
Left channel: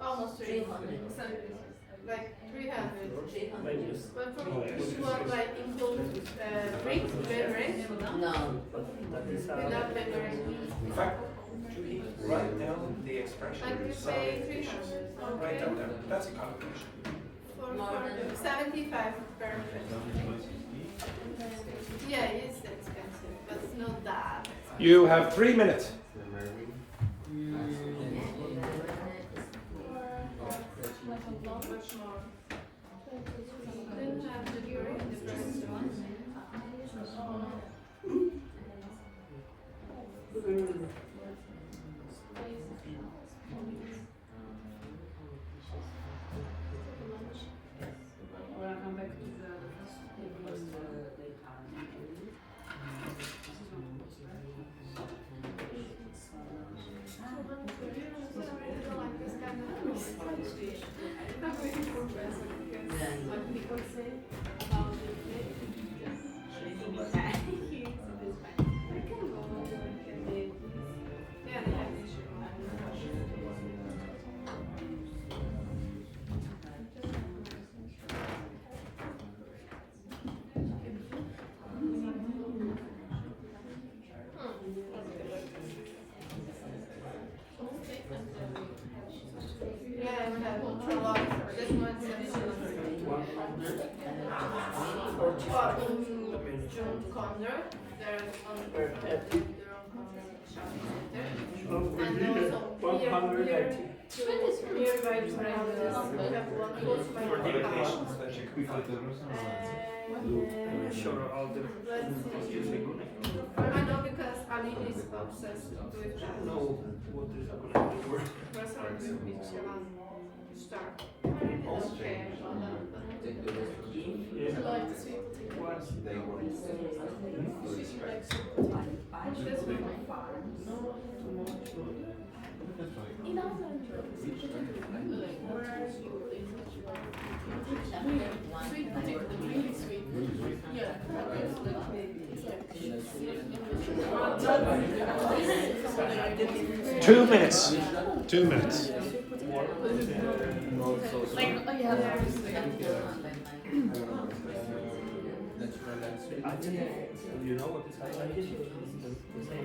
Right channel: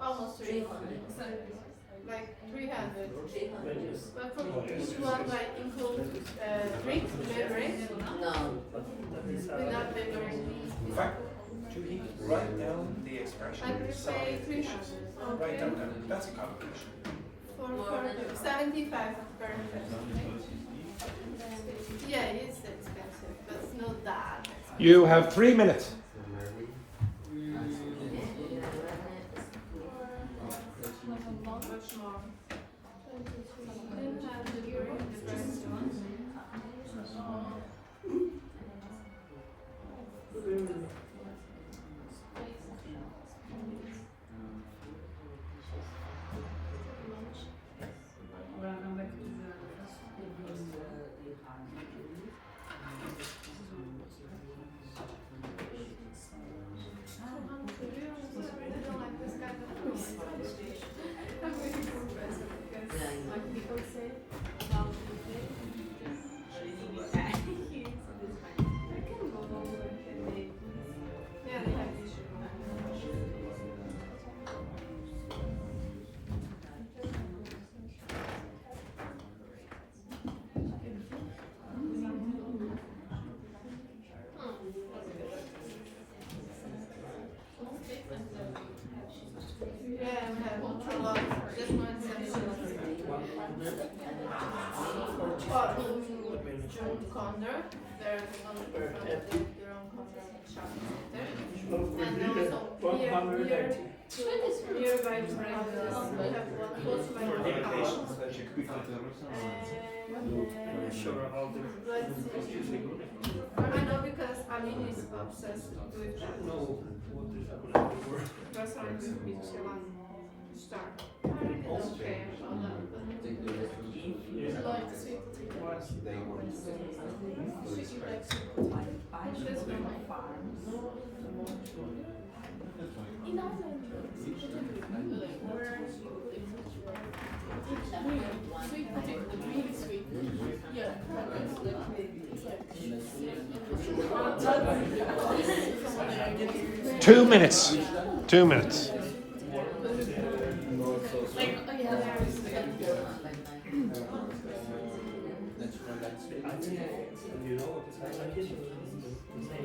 Almost 300. Like 300. But for each one like include drinks, beverage, no. without beverage. In fact, Juhee, write down the expression. I will pay 300. Write Okay. them down. That's a collocation. For 75 per person. Yeah, it's expensive, but it's not that expensive. You have 3 minutes. Much more. Then have the during the first one. Sure, all the I know because Aline is obsessed with that. no what is going to work. Restaurant with Michelin star. Okay. Sweet potato, really sweet. Yeah, it's 2 minutes. 2 minutes.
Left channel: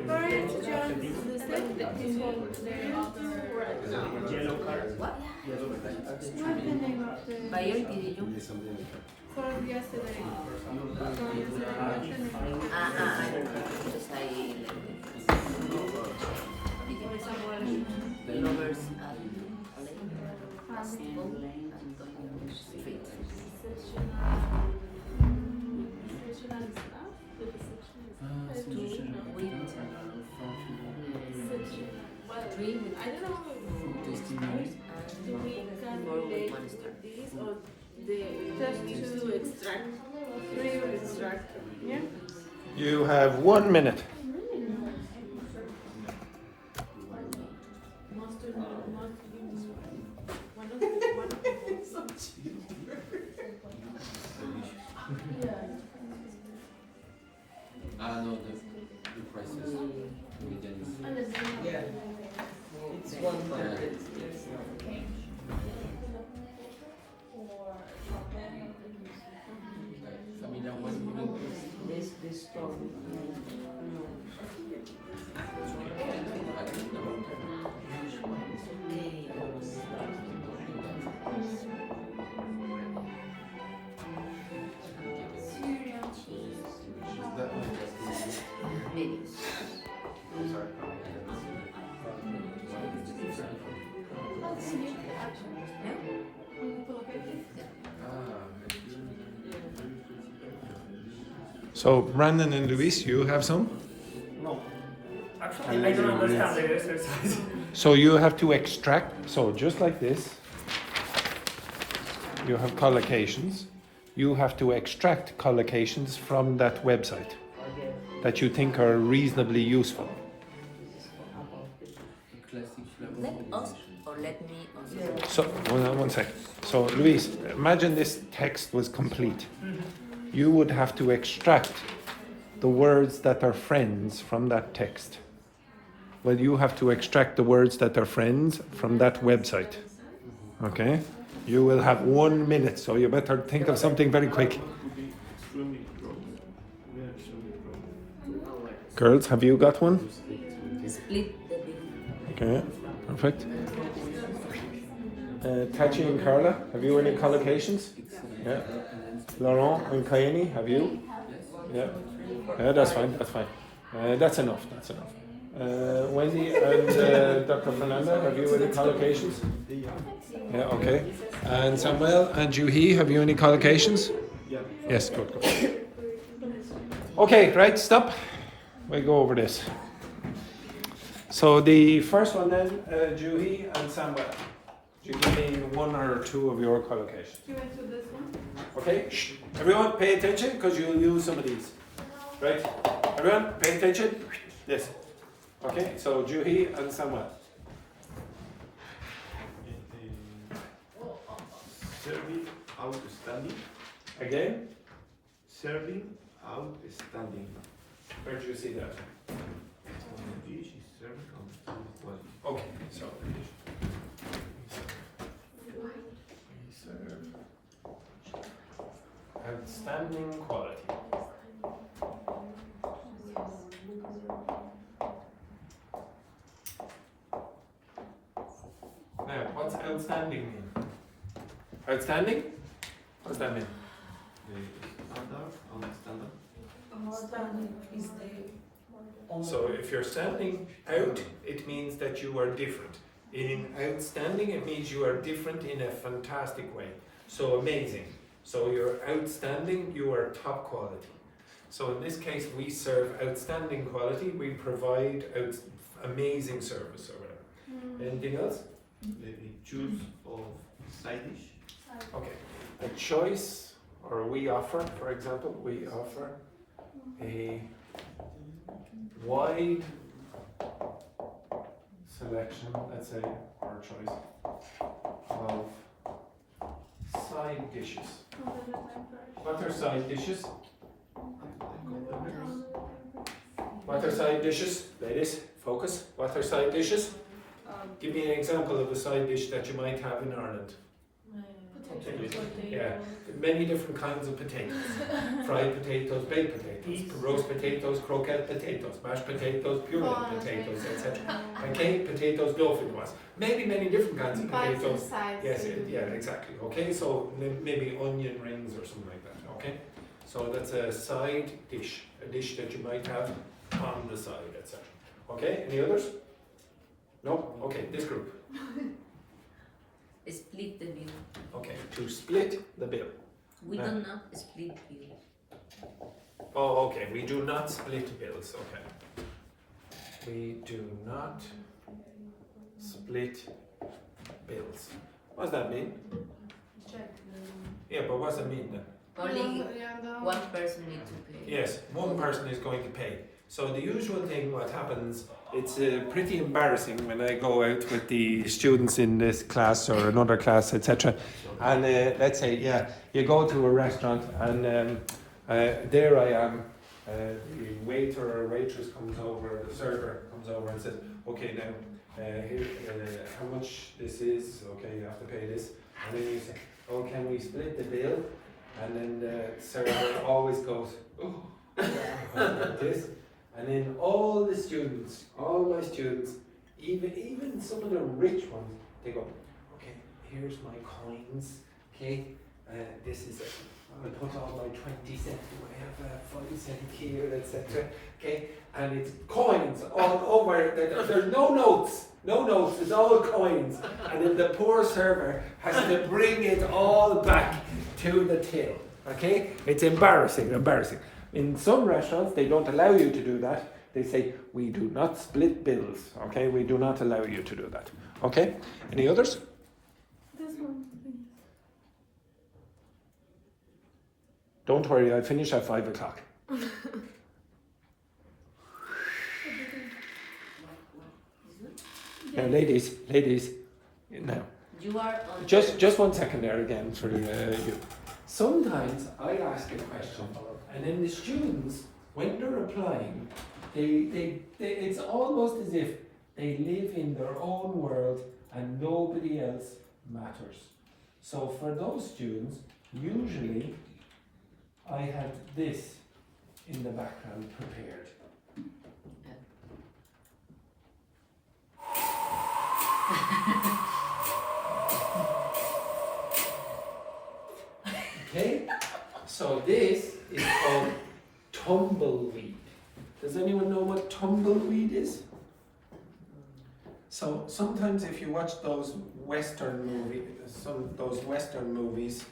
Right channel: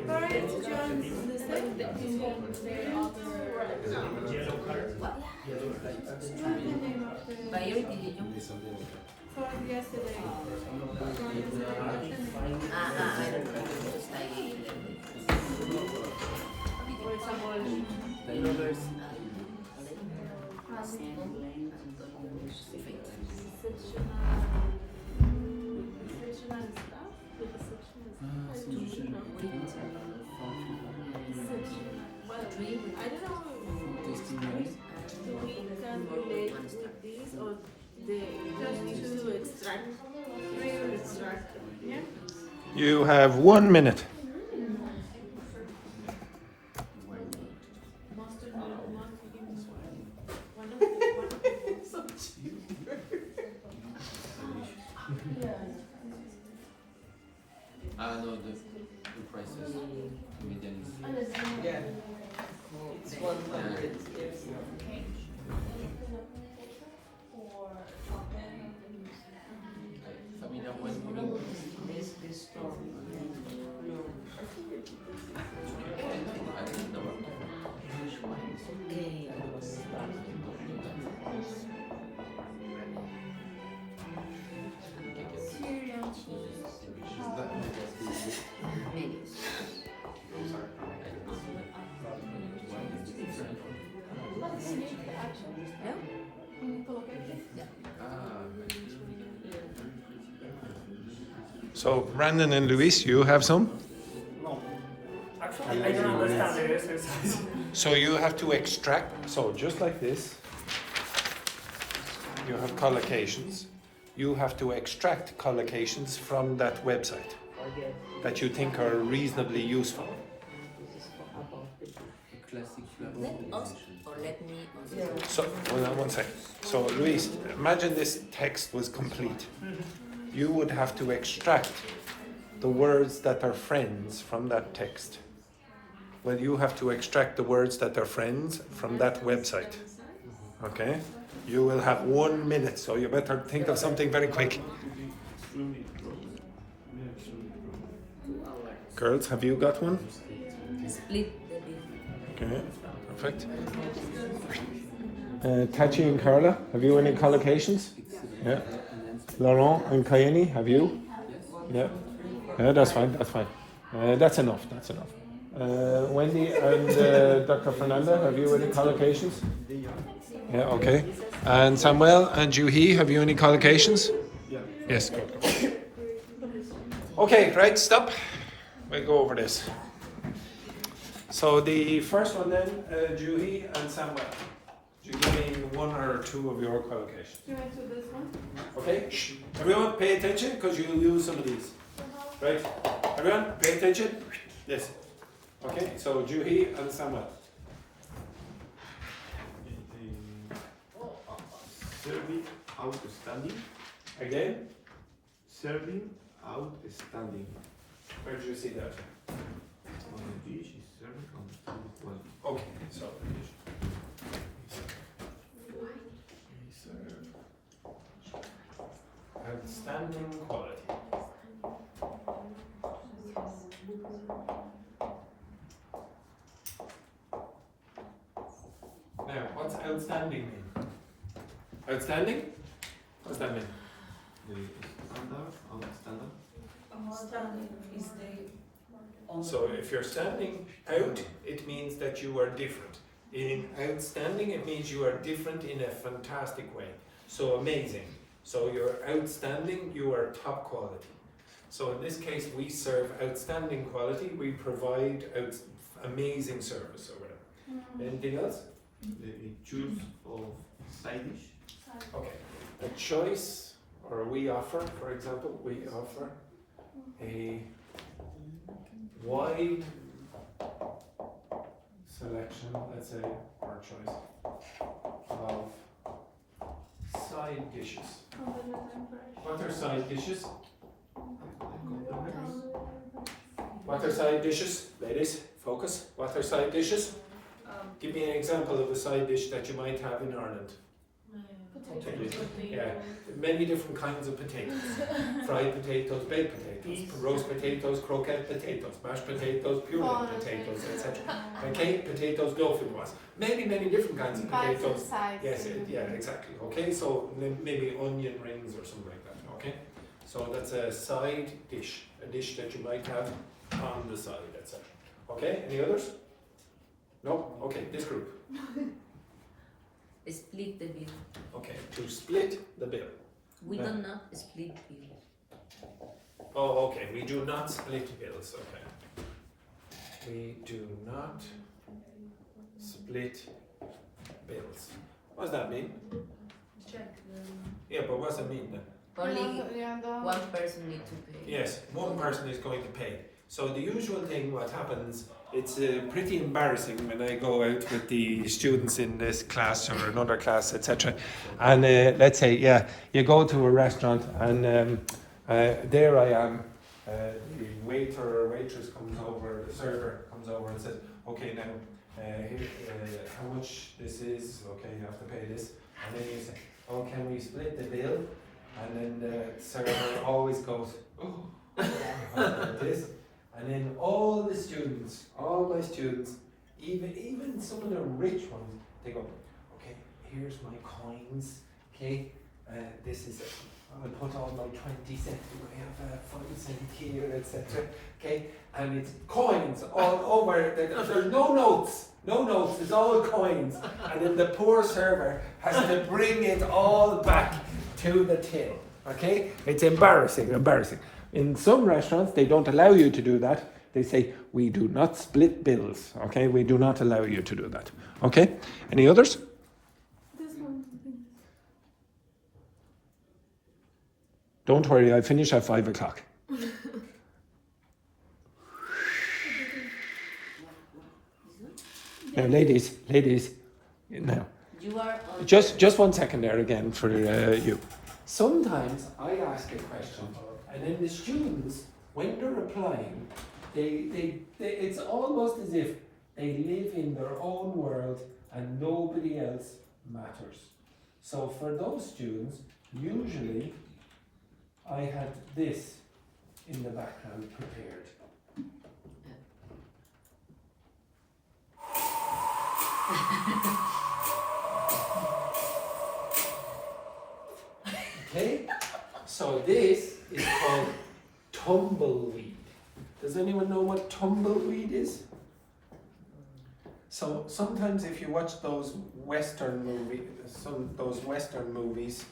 Alright, to join the set. Yellow card. What's the name of the Priority division. for yesterday? For yesterday. Because I lovers I don't know if we can relate this or just to extract. Yeah. You have 1 minute. No, the prices, median is. Yeah. It's 100. Familiar one, you mean? This store. I don't know. So, Brandon and Luis, you have some? No. Actually, I don't understand the exercise. So you have to extract, so just like this, you have collocations. You have to extract collocations from that website. that you think are reasonably useful? Let us, or let me also. So, one sec. So, Luis, imagine this text was complete. You would have to extract the words that are friends from that text. Well, you have to extract the words that are friends from that website. Okay? You will have 1 minute, so you better think of something very quick. Girls, have you got one? Split the bill. Okay, perfect. Tachi and Carla, have you any collocations? Yeah. Laurent and Kaenny, have you? Yeah. That's fine, that's fine. That's enough, that's enough. Wendy and Dr. Fernanda, have you any collocations? Yeah, okay. And Samuel and Juhee, have you any collocations? Yeah. Yes, good. Okay, right, stop. We'll go over this. So the first one then, Juhee and Samuel. Do you give me 1 or 2 of your collocations? You went to this one? Okay, shh. Everyone pay attention because you'll use some of these. Right? Everyone pay attention. This. Okay, so Juhee and Samuel. Serving outstanding. Again? Serving outstanding. Where did you see that? Dish is serving outstanding. Well, Okay, so outstanding quality. Now, what's outstanding mean? Outstanding? What does that mean? the standard. So if you're standing out, it means that you are different. In outstanding, it means you are different in a fantastic way. So amazing. So you're outstanding, you are top quality. So in this case, we serve outstanding quality, we provide amazing service or whatever. Anything else? The choose of side dish. Okay. A choice, or we offer, for example, we offer a wide selection, let's say, or choice of side dishes. What are side dishes? What are side dishes? Ladies, focus. What are side dishes? Give me an example of a side dish that you might have in Ireland. Yeah, many different kinds of potatoes. Fried potatoes, baked potatoes, roast potatoes, croquette potatoes, mashed potatoes, pureed potatoes, etc. Okay, potatoes, dauphinoise. Maybe many different kinds of potatoes. Yes, yeah, exactly. Okay, so maybe onion rings or something like that. Okay, so that's a side dish, a dish that you might have on the side, etc. Okay, any others? No? Okay, this group. Split the bill. Okay, to split the bill. We do not split bill. Oh, okay, we do not split bills, okay. We do not split bills. What does that mean? Yeah, but what does it mean then? Only one person needs to pay. Yes, one person is going to pay. So the usual thing, what happens, it's pretty embarrassing when I go out with the students in this class or another class, etc. And let's say, yeah, you go to a restaurant and there I am, the waiter or waitress comes over, the server comes over and says, okay, now, here, how much this is, okay, you have to pay this. And then you say, oh, can we split the bill? And then the server always goes, oh, like this. And then all the students, all my students, even some of the rich ones, they go, okay, here's my coins, okay, this is, I'll put all my 20 cents, I have 5 cents here, etc. Okay, and it's coins all over, there's no notes, it's all coins. And then the poor server has to bring it all back to the till, okay? It's embarrassing. In some restaurants, they don't allow you to do that. They say, we do not split bills, okay? We do not allow you to do that, okay? Any others? This one. Don't worry, I finish at 5 o'clock. Now, ladies, no. You are on. Just 1 second there again for you. Sometimes I ask a question, and then the students, when they're replying, it's almost as if they live in their own world and nobody else matters. So for those students, usually I had this in the background prepared. Okay, so this is called tumbleweed. Does anyone know what tumbleweed is? So sometimes if you watch those Western movies,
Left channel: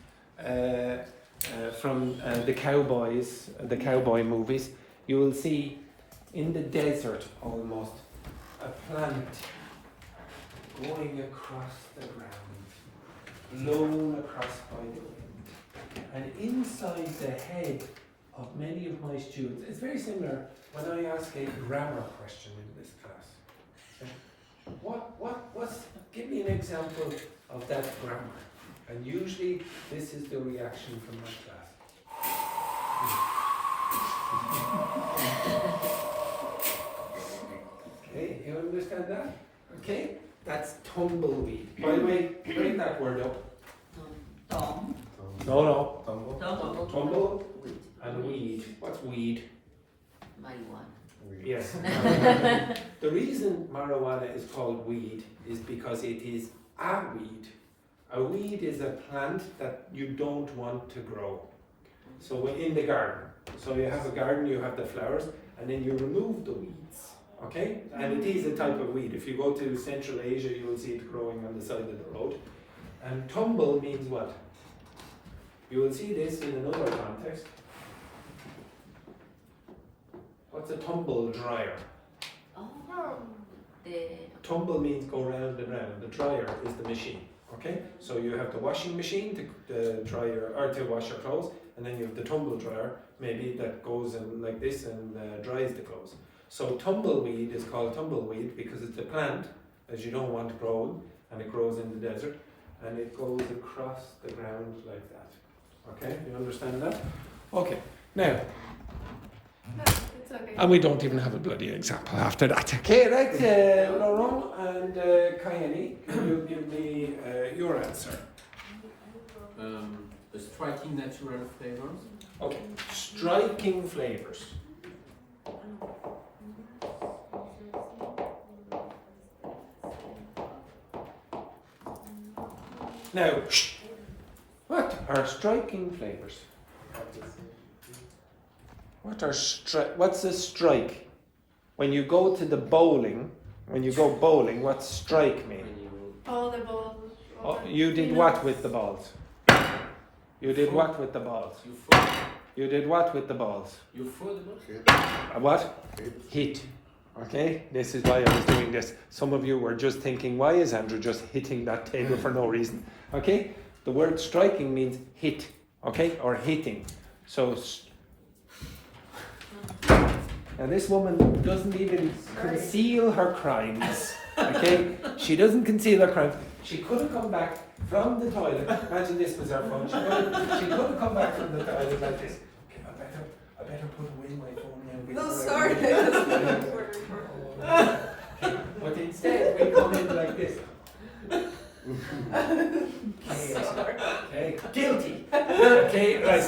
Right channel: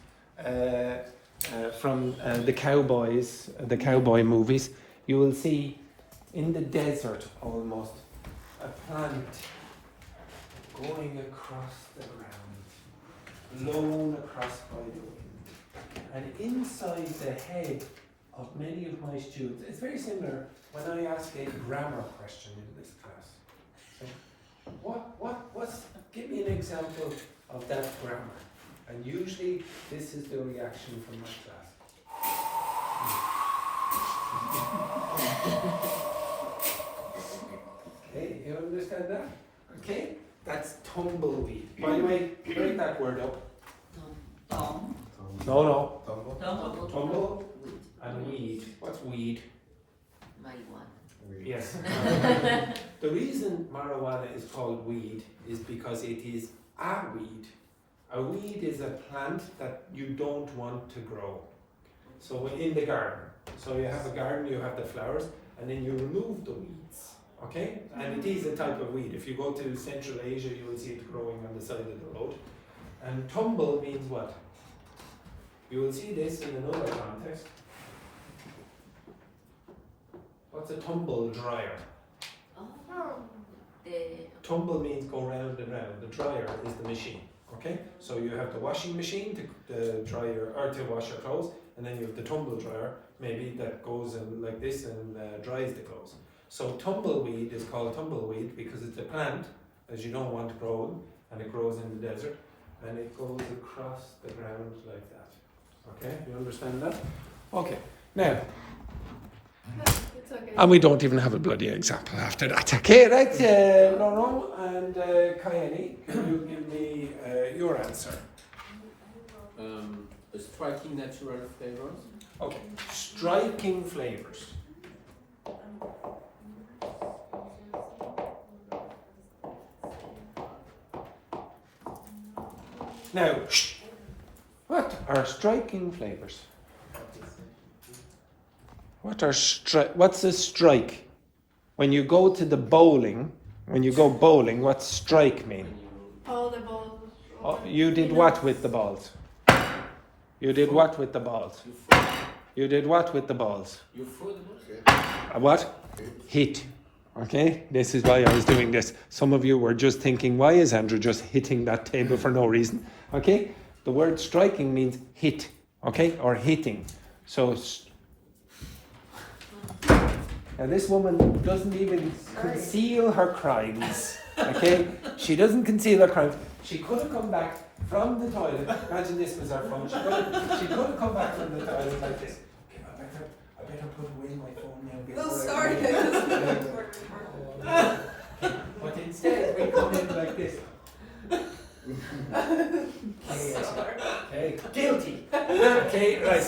from the cowboy movies, you will see in the desert almost a plant going across the ground, blown across by the wind. And inside the head of many of my students, it's very similar when I ask a grammar question in this class. Give me an example of that grammar. And usually this is the reaction from my class. Okay, you understand that? Okay, that's tumbleweed. By the way, break that word up. No. Tumble and weed. What's weed? Marijuana. Yes. The reason marijuana is called weed is because it is a weed. A weed is a plant that you don't want to grow. So in the garden. So you have a garden, you have the flowers, and then you remove the weeds. Okay? And it is a type of weed. If you go to Central Asia, you will see it growing on the side of the road. And tumble means what? You will see this in another context. What's a tumble dryer? Tumble means go round and round. The dryer is the machine. Okay? So you have the washing machine to dry to wash your clothes, and then you have the tumble dryer, maybe that goes in like this and dries the clothes. So tumbleweed is called tumbleweed because it's a plant, as you don't want growing, and it grows in the desert, and it goes across the ground like that. Okay, you understand that? Okay, now, It's okay. and we don't even have a bloody example after that. Okay, right, Laurent and Kaenny, can you give me your answer? Striking natural flavors. Okay, striking flavors. Now, what are striking flavors? What's a strike? When you go to the bowling, what's strike mean? All the balls. Oh, you did what with the balls? You did what with the balls? You did what with the balls? You throw the balls? What? Hit. Okay, this is why I was doing this. Some of you were just thinking, why is Andrew just hitting that table for no reason? Okay, the word striking means hit, okay, or hitting. So, now this woman doesn't even conceal her crimes, okay? She doesn't conceal her crimes. She could have come back from the toilet. Imagine this was her phone. She could have come back from the toilet like this. Okay, I better put away my phone now. No, sorry. But instead, we come in like this. Okay, guilty. Okay, right.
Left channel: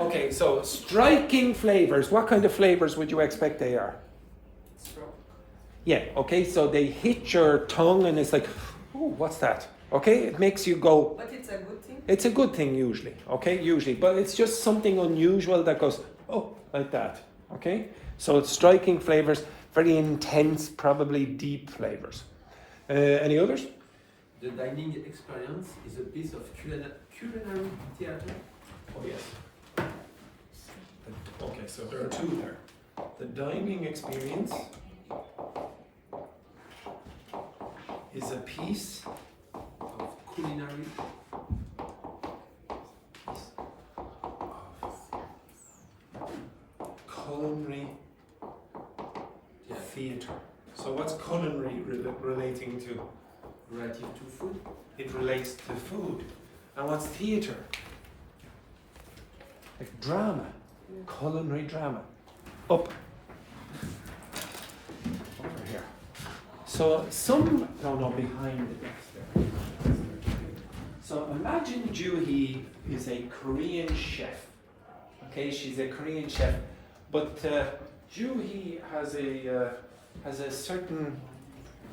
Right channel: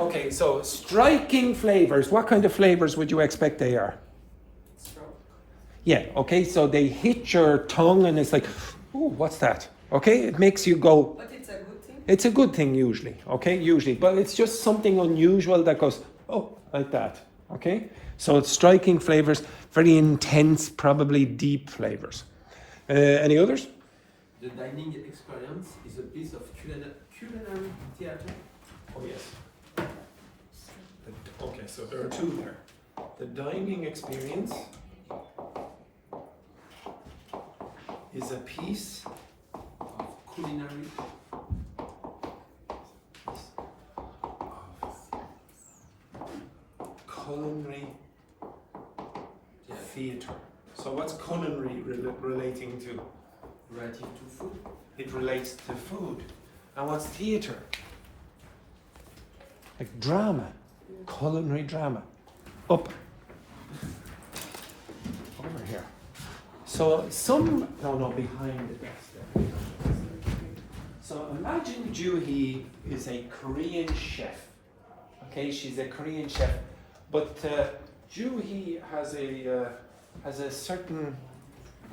Okay, so striking flavors. What kind of flavors would you expect they are? Yeah, okay, so they hit your tongue and it's like, oh, what's that? Okay, it makes you go. But it's a good thing? It's a good thing usually, okay, usually. But it's just something unusual that goes, oh, like that, okay? So it's striking flavors, very intense, probably deep flavors. Any others? The dining experience is a piece of culinary theater. Oh, yes. Okay, so there are two there. The dining experience is a piece Of culinary. culinary theatre. So what's culinary relating to? Relative to food. It relates to food. And what's theatre? Like drama, culinary drama. Up. Over here. So behind the desk there. So imagine Juhee is a Korean chef. Okay, she's a Korean chef, but Juhee has a certain,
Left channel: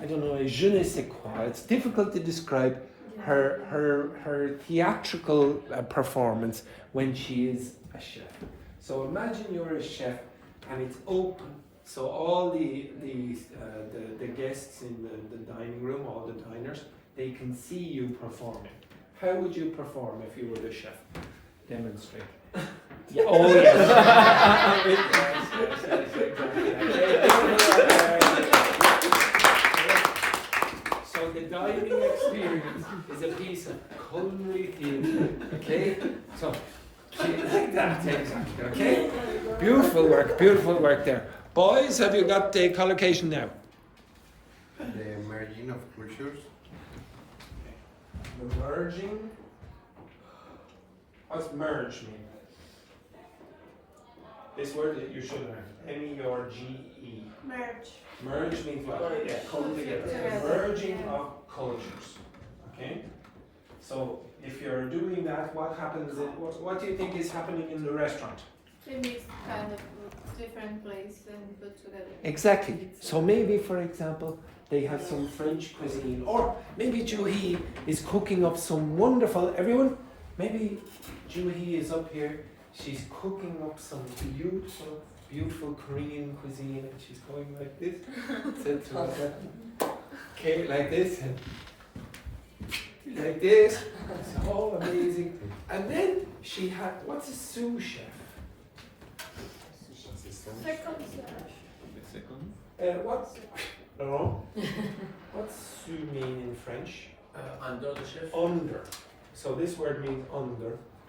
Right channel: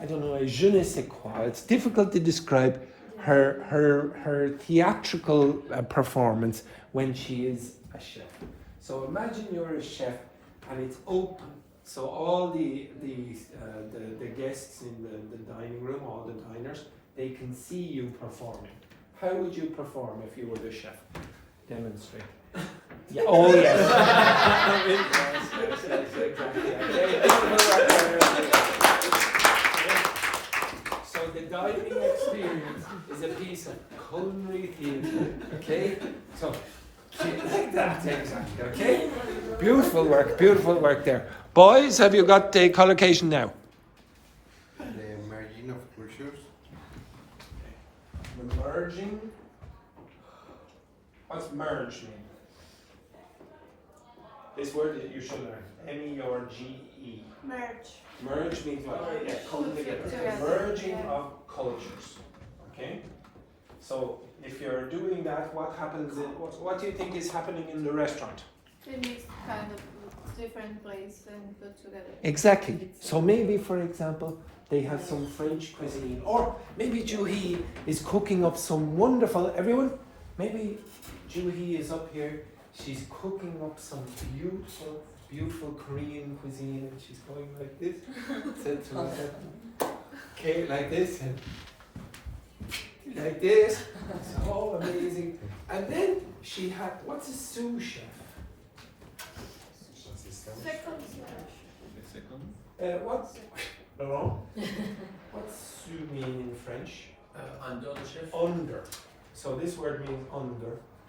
I don't know, a je ne sais quoi. It's difficult to describe her theatrical performance when she is a chef. So imagine you're a chef and it's open. So all the guests in the dining room, all the diners, they can see you performing. How would you perform if you were the chef? Demonstrate. Yeah. Oh yes. Exactly. So the dining experience is a piece of culinary theatre. Okay. So that's exactly. Okay. Beautiful work there. Boys, have you got the collocation now? The merging of cultures. The merging. What's merge mean? This word that you should learn. M-E-R-G-E. Merge. Merge means what? Yeah, come together. The merging of cultures. Okay? So if you're doing that, what happens what do you think is happening in the restaurant? They mix kind of different places and put together. Exactly. So maybe, for example, they have some French cuisine, or maybe Juhee is cooking up some wonderful. Everyone, maybe Juhee is up here. She's cooking up some beautiful Korean cuisine, and she's going like this. Okay, like this, and like this. It's all amazing. And then she had, what's a sous chef? What's sous mean in French? Under the chef. Under. So this word means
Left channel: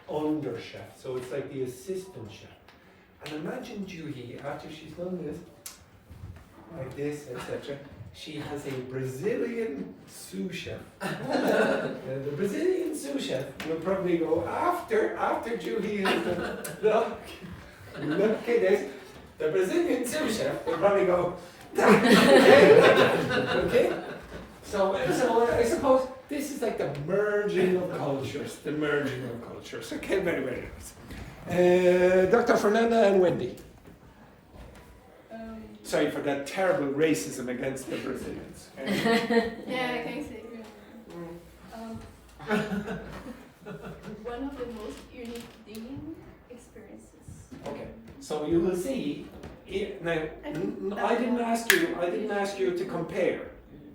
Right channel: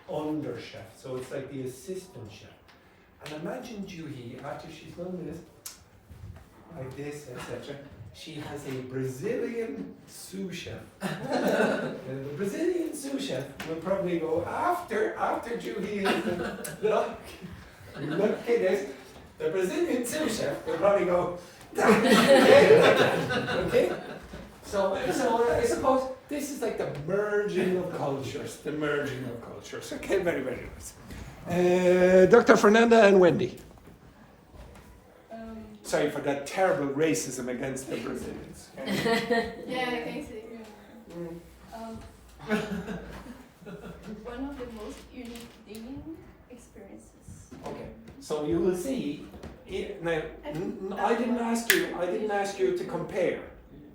under chef. So it's like the assistant chef. And imagine Juhee, after she's done this, like this, etc., she has a Brazilian sous chef. The Brazilian sous chef will probably go after Juhee has done. Look at this. The Brazilian sous chef will probably go. Okay? So I suppose this is like the merging of cultures. Okay, very, very nice. Dr. Fernanda and Wendy. Sorry for that terrible racism against the Brazilians. Yeah, I can see. One of the most unique dining experiences. Okay, so you will see. Now, I didn't ask you to compare.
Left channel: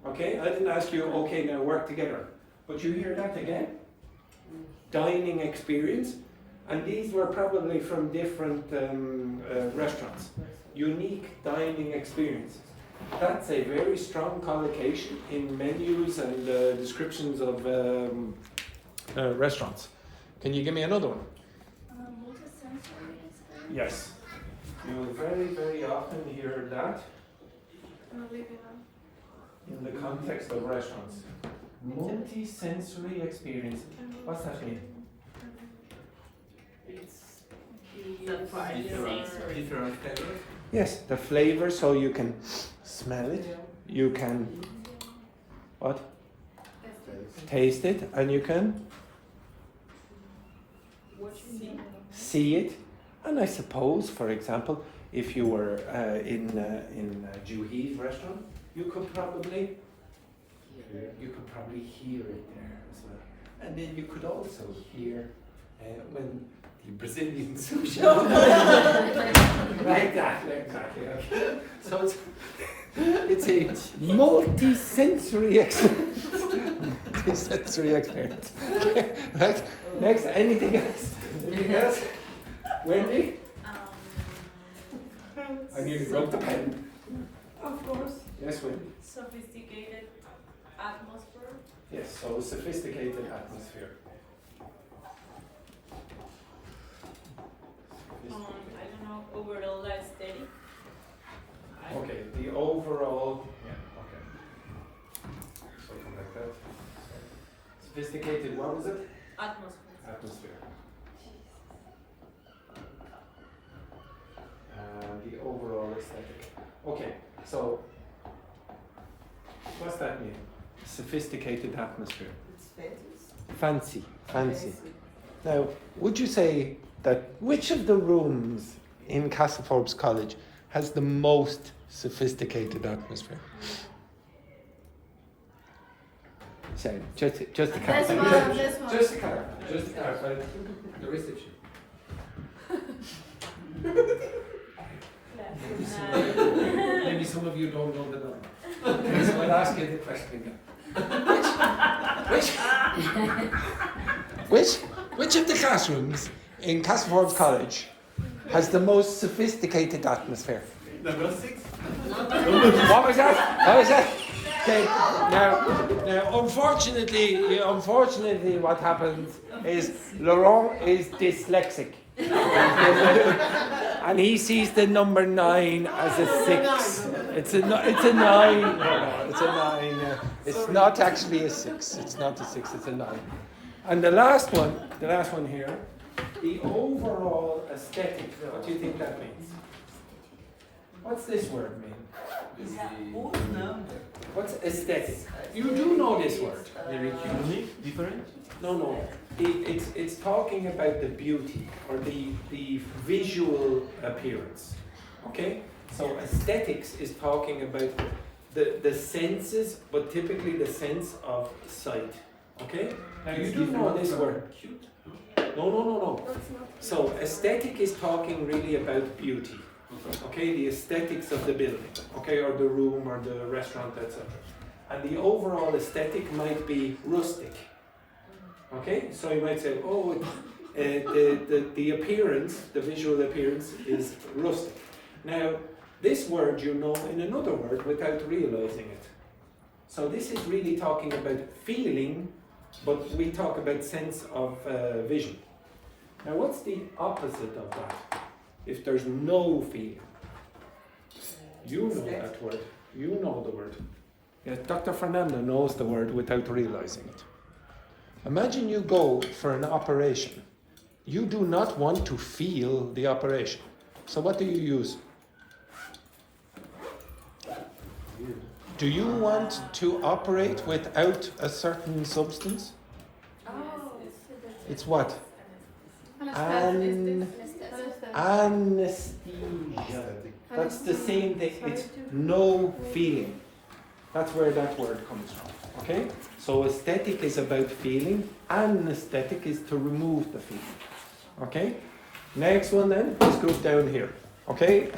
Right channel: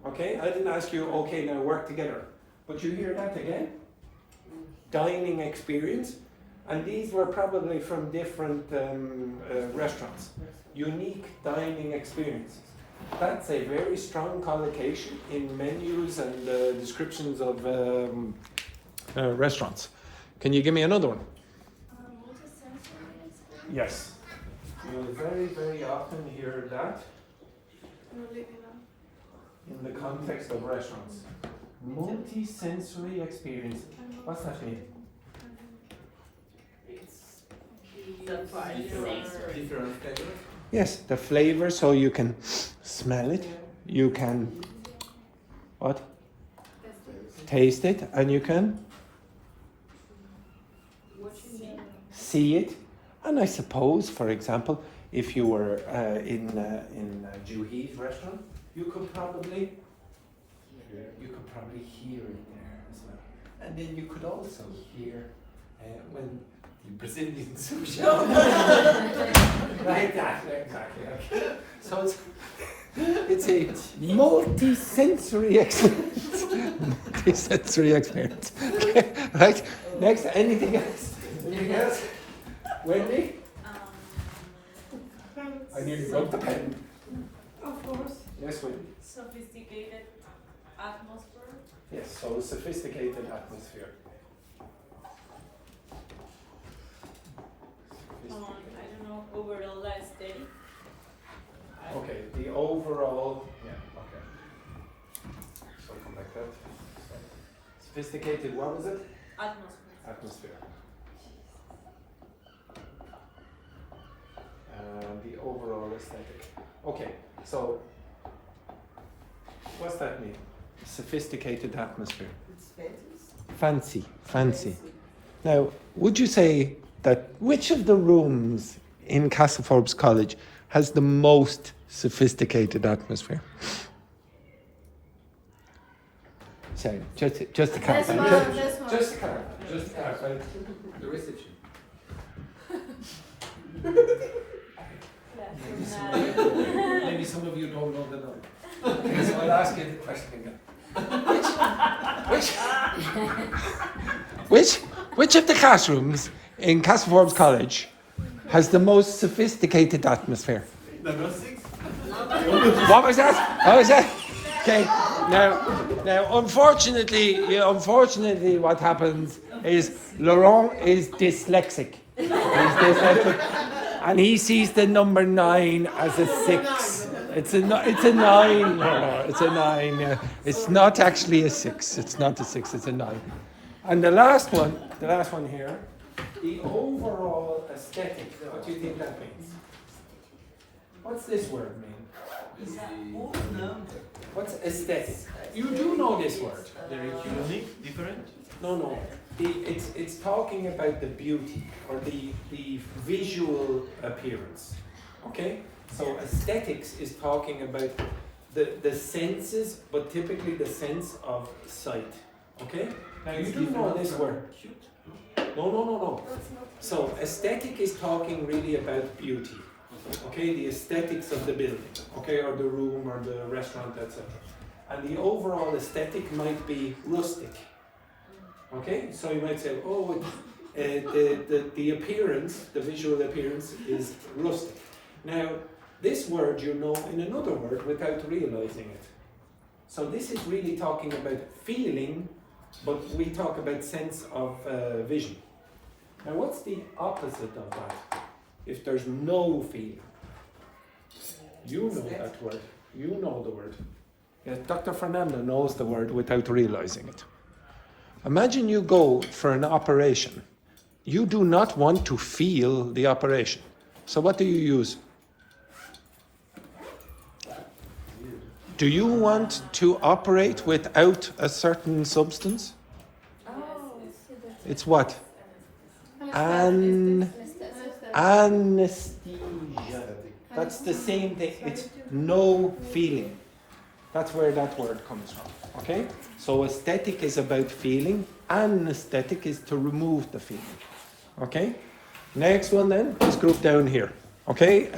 Okay, I didn't ask you. Okay, now work together. But you hear that again? Dining experience, and these were probably from different restaurants. Unique dining experiences. That's a very strong collocation in menus and descriptions of restaurants. Can you give me another one? Multisensory experience. Yes. You'll very, very often hear that in the context of restaurants. Multi-sensory experience. What's that mean? Different flavors. Yes, the flavor, so you can smell it, you can what? Taste it, and you can see it. And I suppose, for example, if you were in Juhee's restaurant, you could probably hear it there as well. And then you could also hear when the Brazilian sushi. Like that, exactly. Okay. So it's a multi-sensory experience. Multi-sensory experience. Right? Next, anything else? Anything else? Wendy? I nearly broke the pen. Of course. Yes, Wendy. Sophisticated atmosphere. Yes, so sophisticated atmosphere. I don't know, overall aesthetic. Okay, the overall, yeah. Sophisticated, what was it? Atmosphere. Atmosphere. The overall aesthetic. Okay, so what's that mean? Sophisticated atmosphere. It's fancy. Fancy, fancy. Now, would you say that which of the rooms in Castleforbes College has the most sophisticated atmosphere? Sorry, just to This clarify. one, this one. Just to clarify. The reception. Maybe some of you don't know the number. Okay, so I'll ask you the question again. Which of the classrooms in Castleforbes College has the most sophisticated atmosphere? Number 6. What was that? What was that? Okay, now unfortunately what happens is Laurent is dyslexic. He's dyslexic. And he sees the number 9 as a 6. It's a 9. It's a 9. It's not actually a 6. It's not a 6, it's a 9. And the last one here, the overall aesthetic. What do you think that means? What's this word mean? What's aesthetic? You do know this word. Very unique, different. No. It's talking about the beauty or the visual appearance. Okay? So aesthetics is talking about the senses, but typically the sense of sight. Okay? Now you do know this word. Cute. No. So aesthetic is talking really about beauty. Okay, the aesthetics of the building, okay, or the room or the restaurant, etc. And the overall aesthetic might be rustic. Okay, so you might say, oh, the appearance, the visual appearance is rustic. Now, this word you know in another word without realizing it. So this is really talking about feeling, but we talk about sense of vision. Now, what's the opposite of that? If there's no feeling. You know that word. You know the word. Yes, Dr. Fernando knows the word without realizing it. Imagine you go for an operation. You do not want to feel the operation. So what do you use? Do you want to operate without a certain substance? It's what? Anesthesia. That's the same thing. It's no feeling. That's where that word comes from. Okay? So aesthetic is about feeling. Anesthetic is to remove the feeling. Okay? Next one then. Let's go down here. Okay?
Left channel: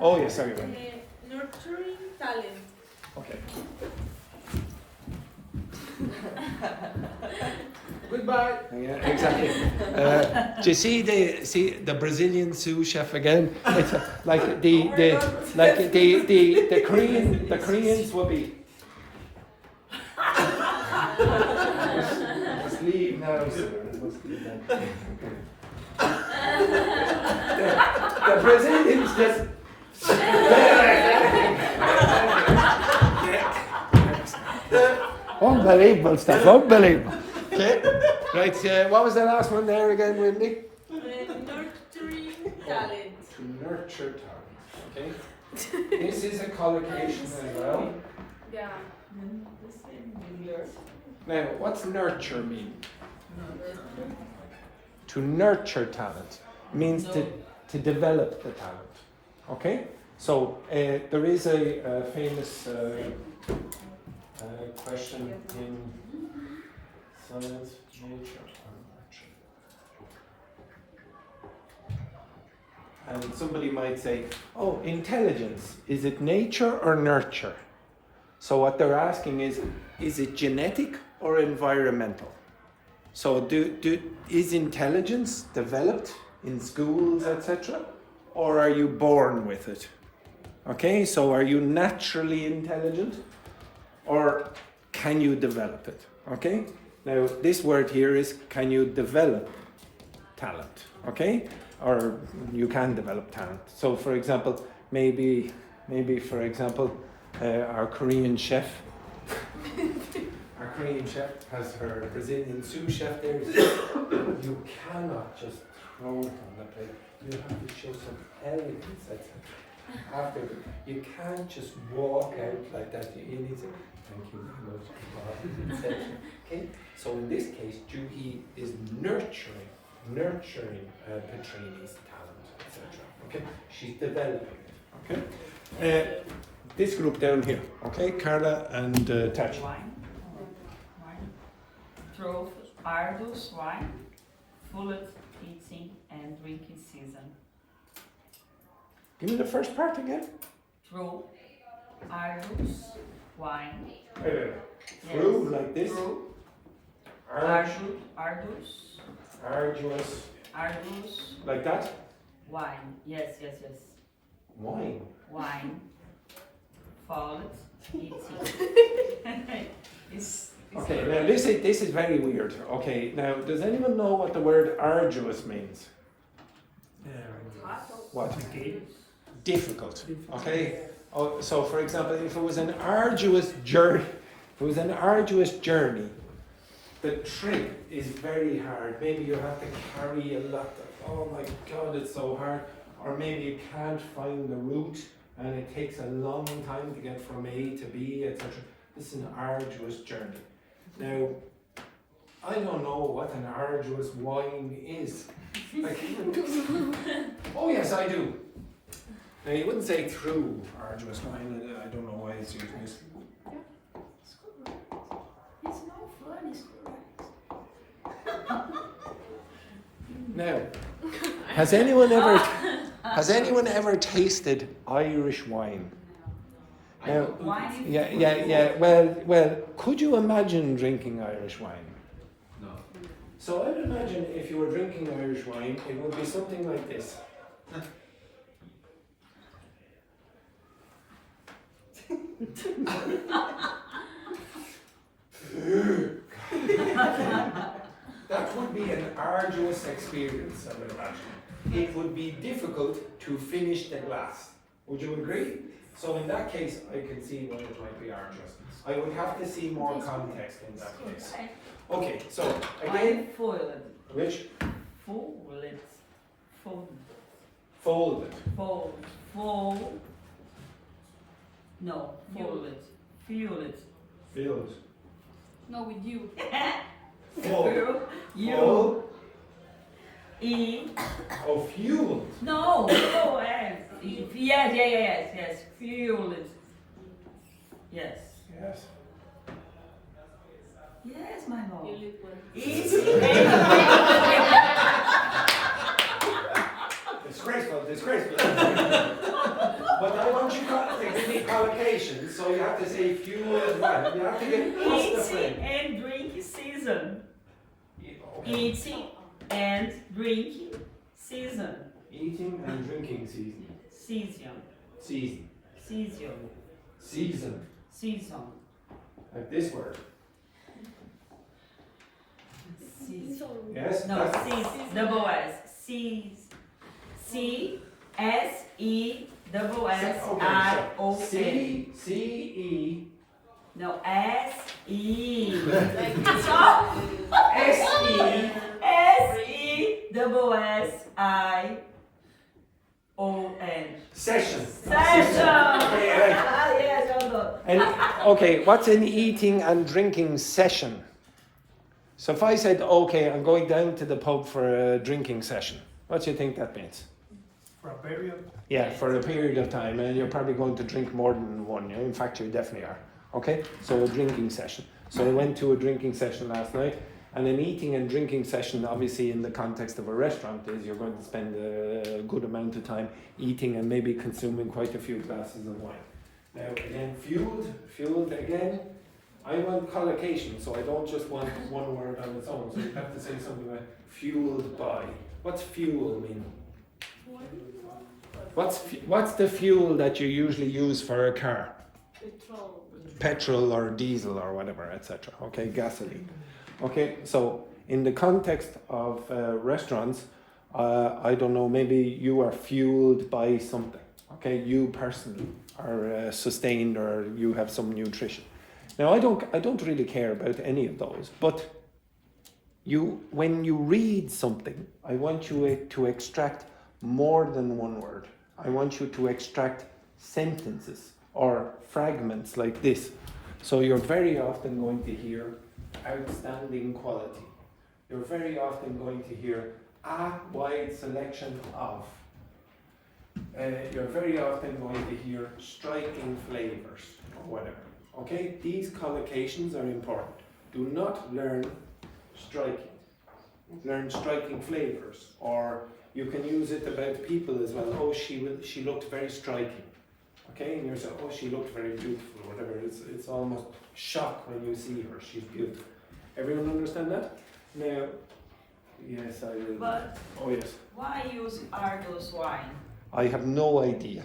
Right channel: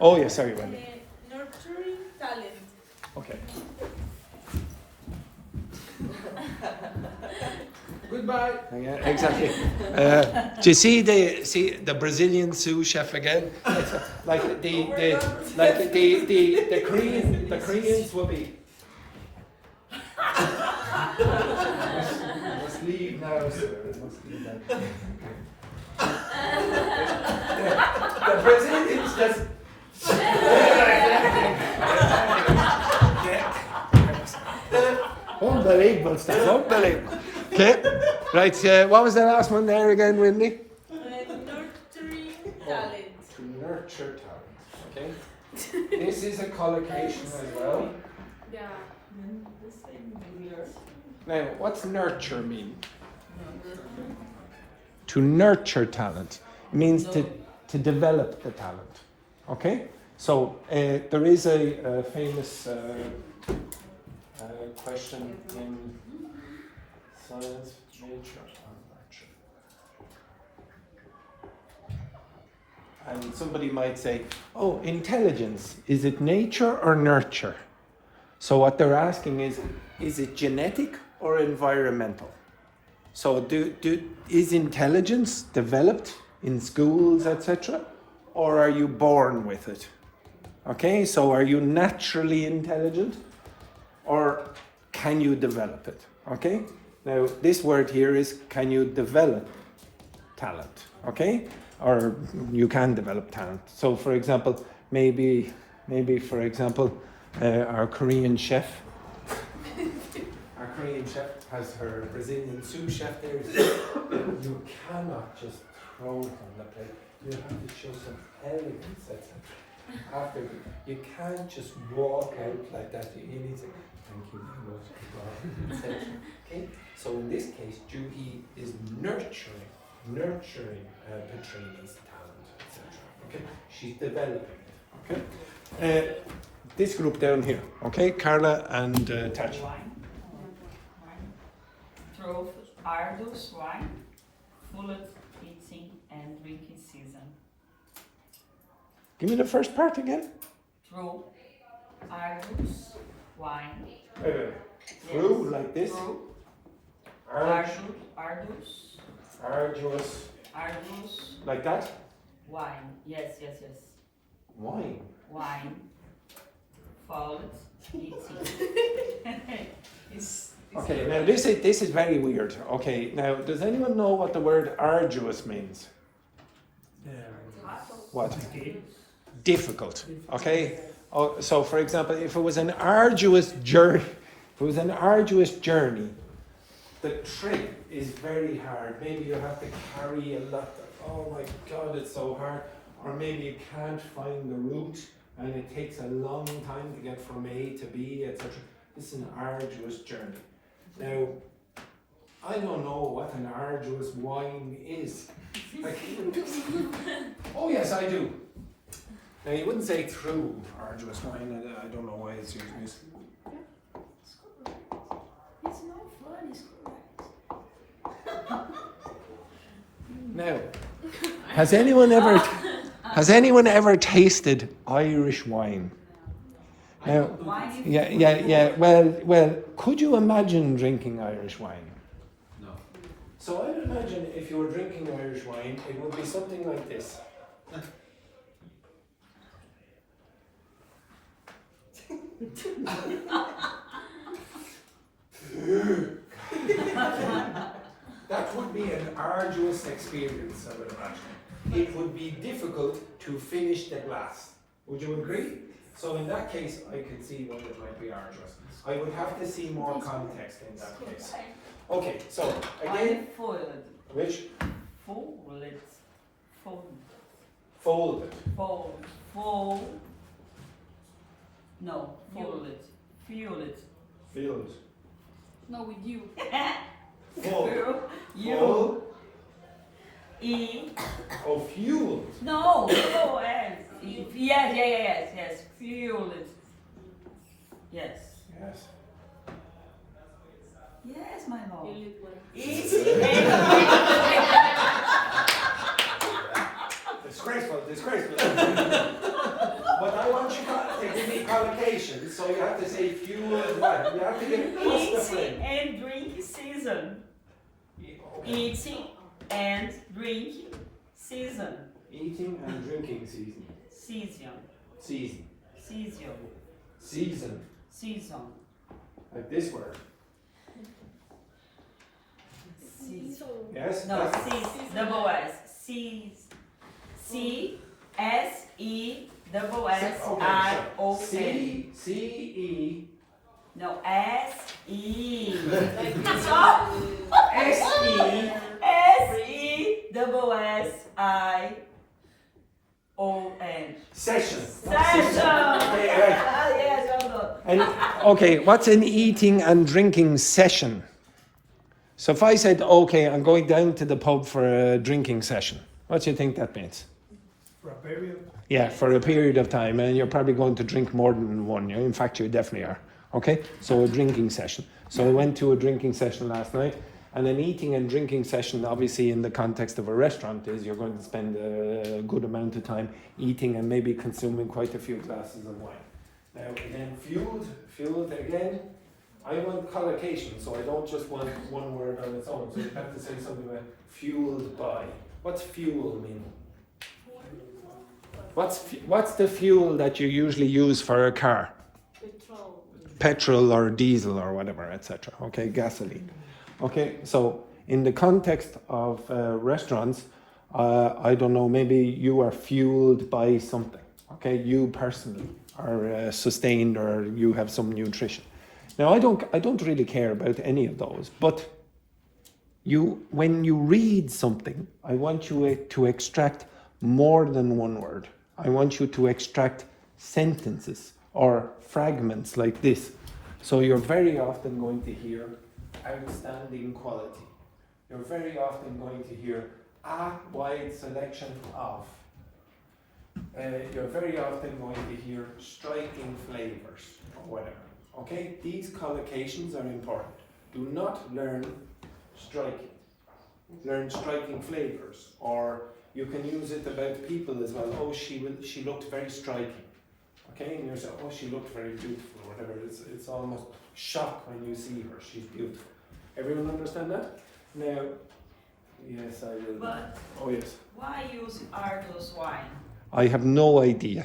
Oh, yeah, sorry. Nurturing talent. Okay. Goodbye. Yeah, exactly. Do you see the Brazilian sous chef again? It's like the Koreans would be. Let's leave now. The Brazilians just. Unbelievable stuff. Unbelievable. Okay, right, what was the last one there again, Wendy? Nurturing talent. To nurture talent, okay? This is a collocation as well. Yeah. Now, what's nurture mean? To nurture talent means to develop the talent, okay? So, there is a famous question in science, nature, or nurture. And somebody might say, oh, intelligence, is it nature or nurture? So what they're asking is it genetic or environmental? So is intelligence developed in schools, etc.? Or are you born with it? Okay, so are you naturally intelligent? Or can you develop it? Okay? Now, this word here is, can you develop talent? Okay? Or you can develop talent. So, for example, maybe our Korean chef, Korean chef has her Brazilian sous chef there. You cannot just throw it on the plate. You have to show some elegance, etc. After you can't just walk out like that. You need to thank you very much, etc. Okay. So in this case, Juhee is nurturing Patrine's talent, etc. Okay. She's developing it. Okay. This group down here. Okay, Carla and Tash. Wine. Through arduous wine, full eating and drinking season. Give me the first part again. Through arduous wine. Wait. Through like this. Through arduous. Arduous. Like that. Wine. Yes. Wine. Wine. Followed eating. It's Okay, now this is very weird. Okay, now does anyone know what the word arduous means? What? Difficult. Okay. Oh, so for example, if it was an arduous journey, the trip is very hard. Maybe you have to carry a lot of, oh my God, it's so hard. Or maybe you can't find the route and it takes a long time to get from A to B, etc. This is an arduous journey. Now, I don't know what an arduous wine is. Oh yes, I do. Now you wouldn't say through arduous wine. I don't know why it's used. It's no fun, it's correct. Now, has anyone ever tasted Irish wine? Now, yeah. Well, could you imagine drinking Irish wine? No. So I'd imagine if you were drinking Irish wine, it would be something like this. That would be an arduous experience, I would imagine. It would be difficult to finish the glass. Would you agree? So in that case, I can see why it might be arduous. I would have to see more context in that case. Okay, so again, folded. Which? Folded. Folded. Fold. No, folded. Fueled. Filled. No, with you. Full. You. E. Oh, fueled. No. Yes. Fueled. Yes. Yes. Yes, my lord. Disgraceful. But I want you to give me collocations, so you have to say fueled right. You have to get across the frame. And drink season. Okay. Eating and drinking season. Eating and drinking season. Season. Like this word. Yes? No, double S. C-S-E-S-S-I-O-N. C-E. No, S-E. S-E. S-E-S-S-I-O-N. Session. Yes, I'm good. And, okay, what's an eating and drinking session? So if I said, okay, I'm going down to the pub for a drinking session, what do you think that means? For a period? Yeah, for a period of time, and you're probably going to drink more than one. In fact, you definitely are. Okay, so a drinking session. So I went to a drinking session last night, and an eating and drinking session, obviously in the context of a restaurant, is you're going to spend a good amount of time eating and maybe consuming quite a few glasses of wine. Now again, fueled again. I want collocation, so I don't just want one word on its own. So you have to say something like fueled by. What's fuel mean? What's the fuel that you usually use for a car? Petrol or diesel or whatever, etc. Okay, gasoline. Okay, so in the context of restaurants, I don't know, maybe you are fueled by something. Okay, you personally are sustained or you have some nutrition. Now, I don't really care about any of those, but when you read something, I want you to extract more than one word. I want you to extract sentences or fragments like this. So you're very often going to hear outstanding quality. You're very often going to hear a wide selection of. You're very often going to hear striking flavors or whatever. Okay, these collocations are important. Do not learn striking. Learn striking flavors, or you can use it about people as well. Oh, she looked very striking. Okay, and you're saying, oh, she looked very beautiful, or whatever. It's almost shock when you see her. She's beautiful. Everyone understand that? Now, yes, I will. But oh, yes. why use arduous wine? I have no idea.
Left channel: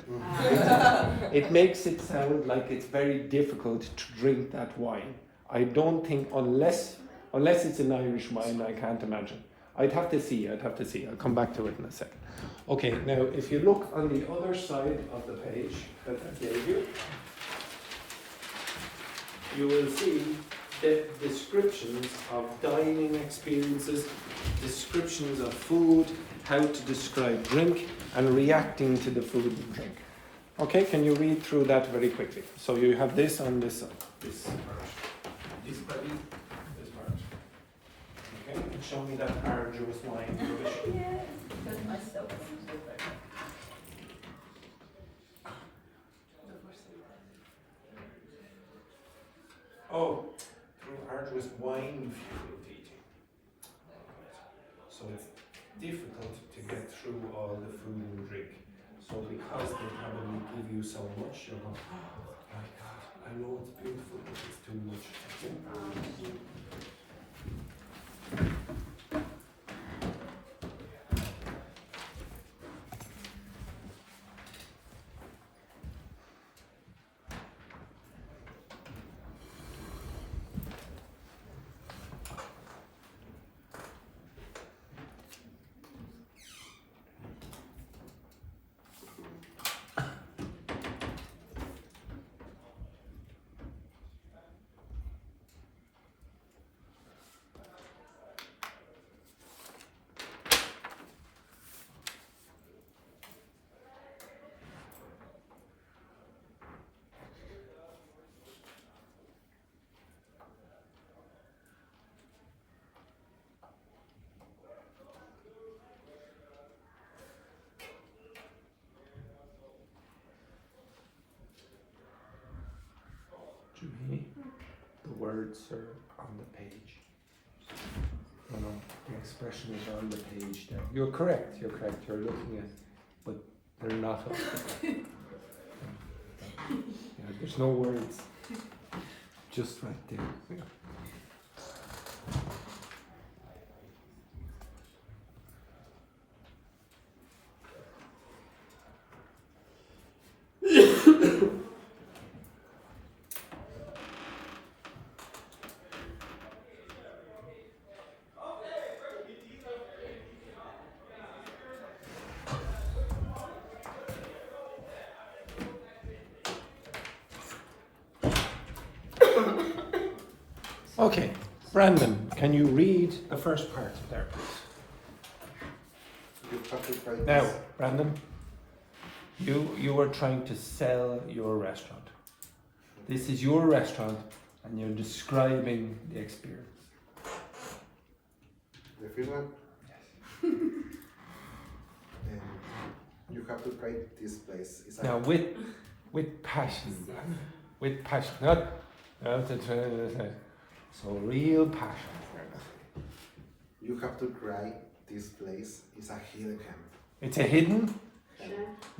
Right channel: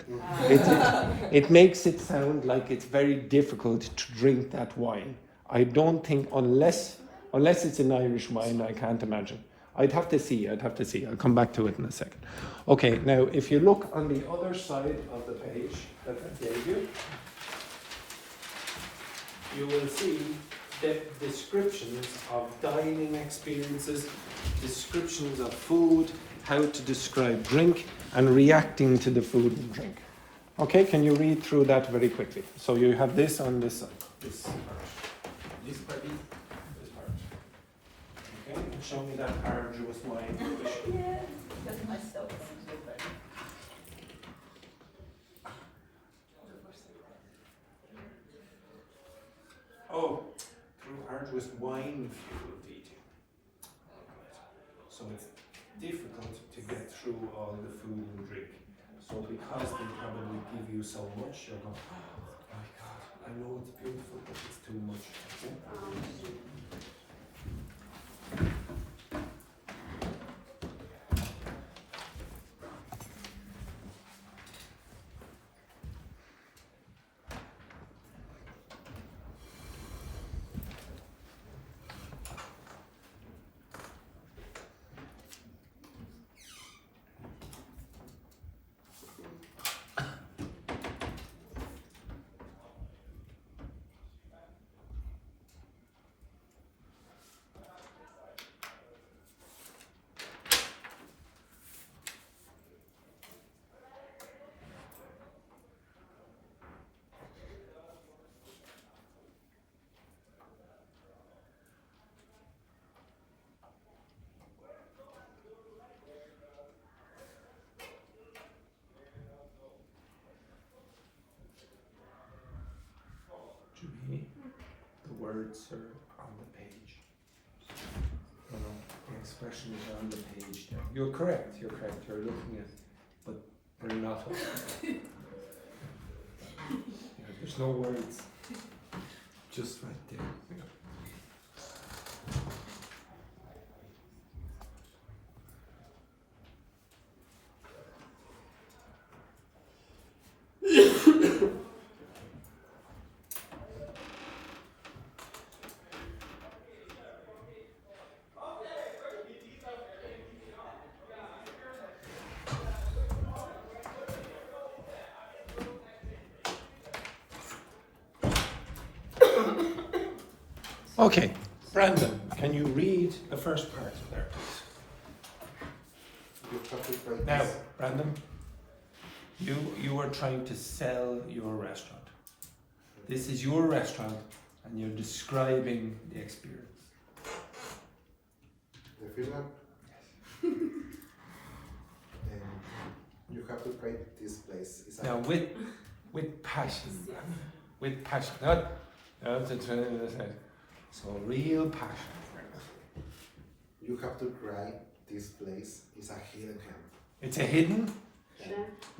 It makes it sound like it's very difficult to drink that wine. I don't think, unless it's an Irish wine, I can't imagine. I'd have to see. I'll come back to it in a second. Okay, now if you look on the other side of the page that I gave you, you will see the descriptions of dining experiences, descriptions of food, how to describe drink, and reacting to the food and drink. Okay, can you read through that very quickly? So you have this on this side, this part. This part. Okay, and show me that arduous wine. Yeah, that's myself. Oh, through arduous wine-fueled eating. So it's difficult to get through all the food and drink. So because they probably give you so much, you're going, oh my God, I know it's beautiful, but it's too much. Okay? Juhee, the words are on the page. The expression is on the page now. You're correct, you're looking at, but they're not. Yeah, there's no words. Just right there. Yeah. Okay, Brandon, can you read the first part there, please? Now, Brandon, you were trying to sell your restaurant. This is your restaurant, and you're describing the experience. The first one? Yes. You have to try this place. It's now, with passion. With passion. Not, so real passion. You have to try this place. It's a hidden gem. It's a hidden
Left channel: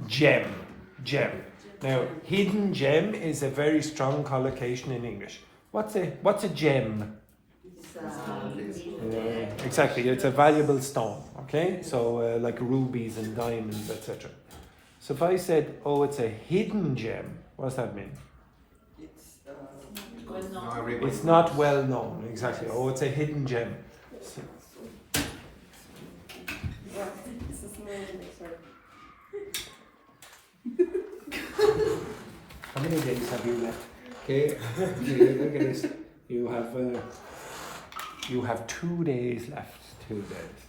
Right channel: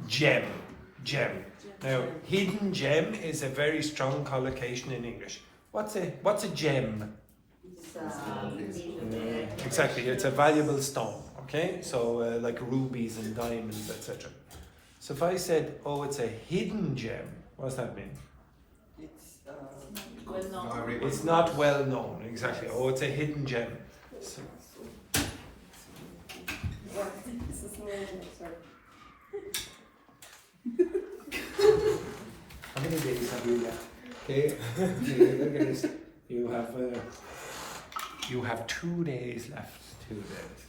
gem. Now, hidden gem is a very strong collocation in English. What's a gem? Exactly, it's a valuable stone. Okay, so like rubies and diamonds, etc. So if I said, oh, it's a hidden gem, what does that mean? It's not well known, exactly. Oh, it's a hidden gem. So, how many days have you left? Okay, look at this. You have 2 days left. 2 days.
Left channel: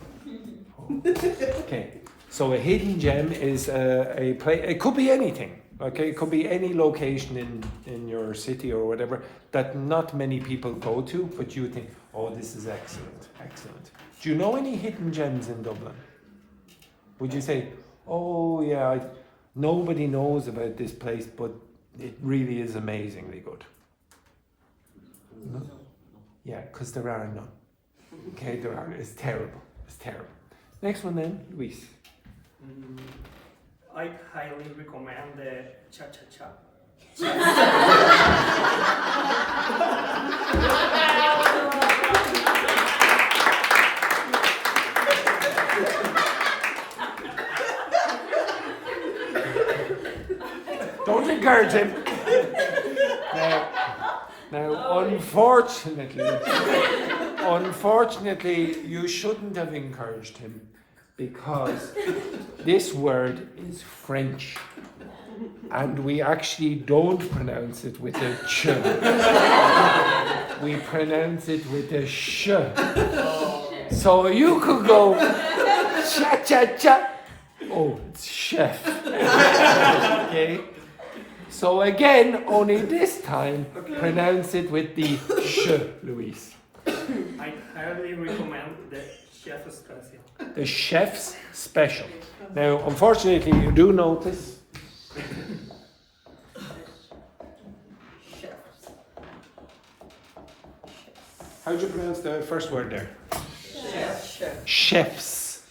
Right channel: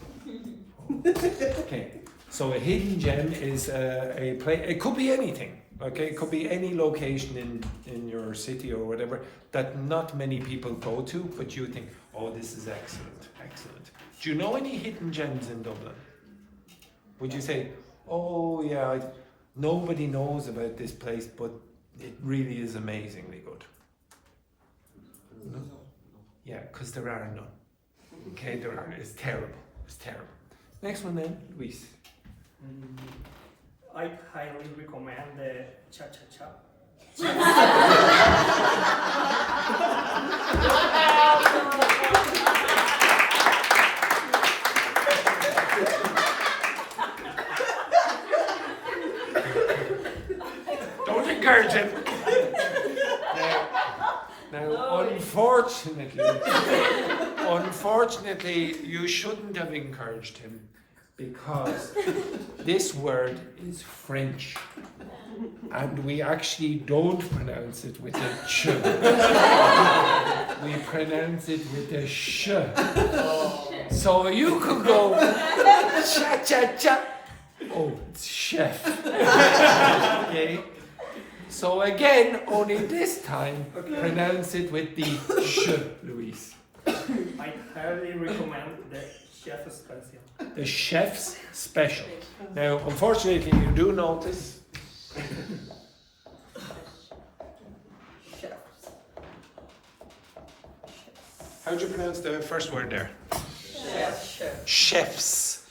Okay, so a hidden gem is a place. It could be anything. Okay, it could be any location in your city or whatever that not many people go to, but you think, oh, this is excellent, excellent. Do you know any hidden gems in Dublin? Would you say, oh yeah, nobody knows about this place, but it really is amazingly good? No? Yeah, because there are none. Okay, there are. It's terrible. It's terrible. Next one then, Luis. I highly recommend the cha-cha-cha. Don't encourage him. Now, unfortunately, you shouldn't have encouraged him because this word is French and we actually don't pronounce it with a ch. We pronounce it with a sh. So you could go cha cha cha. Oh, it's chef. Okay. So again, only this time, pronounce it with the sh, Luis. I highly recommend the chef's special. The chef's special. Now, unfortunately, you do notice. How do you pronounce the first word there? Chefs.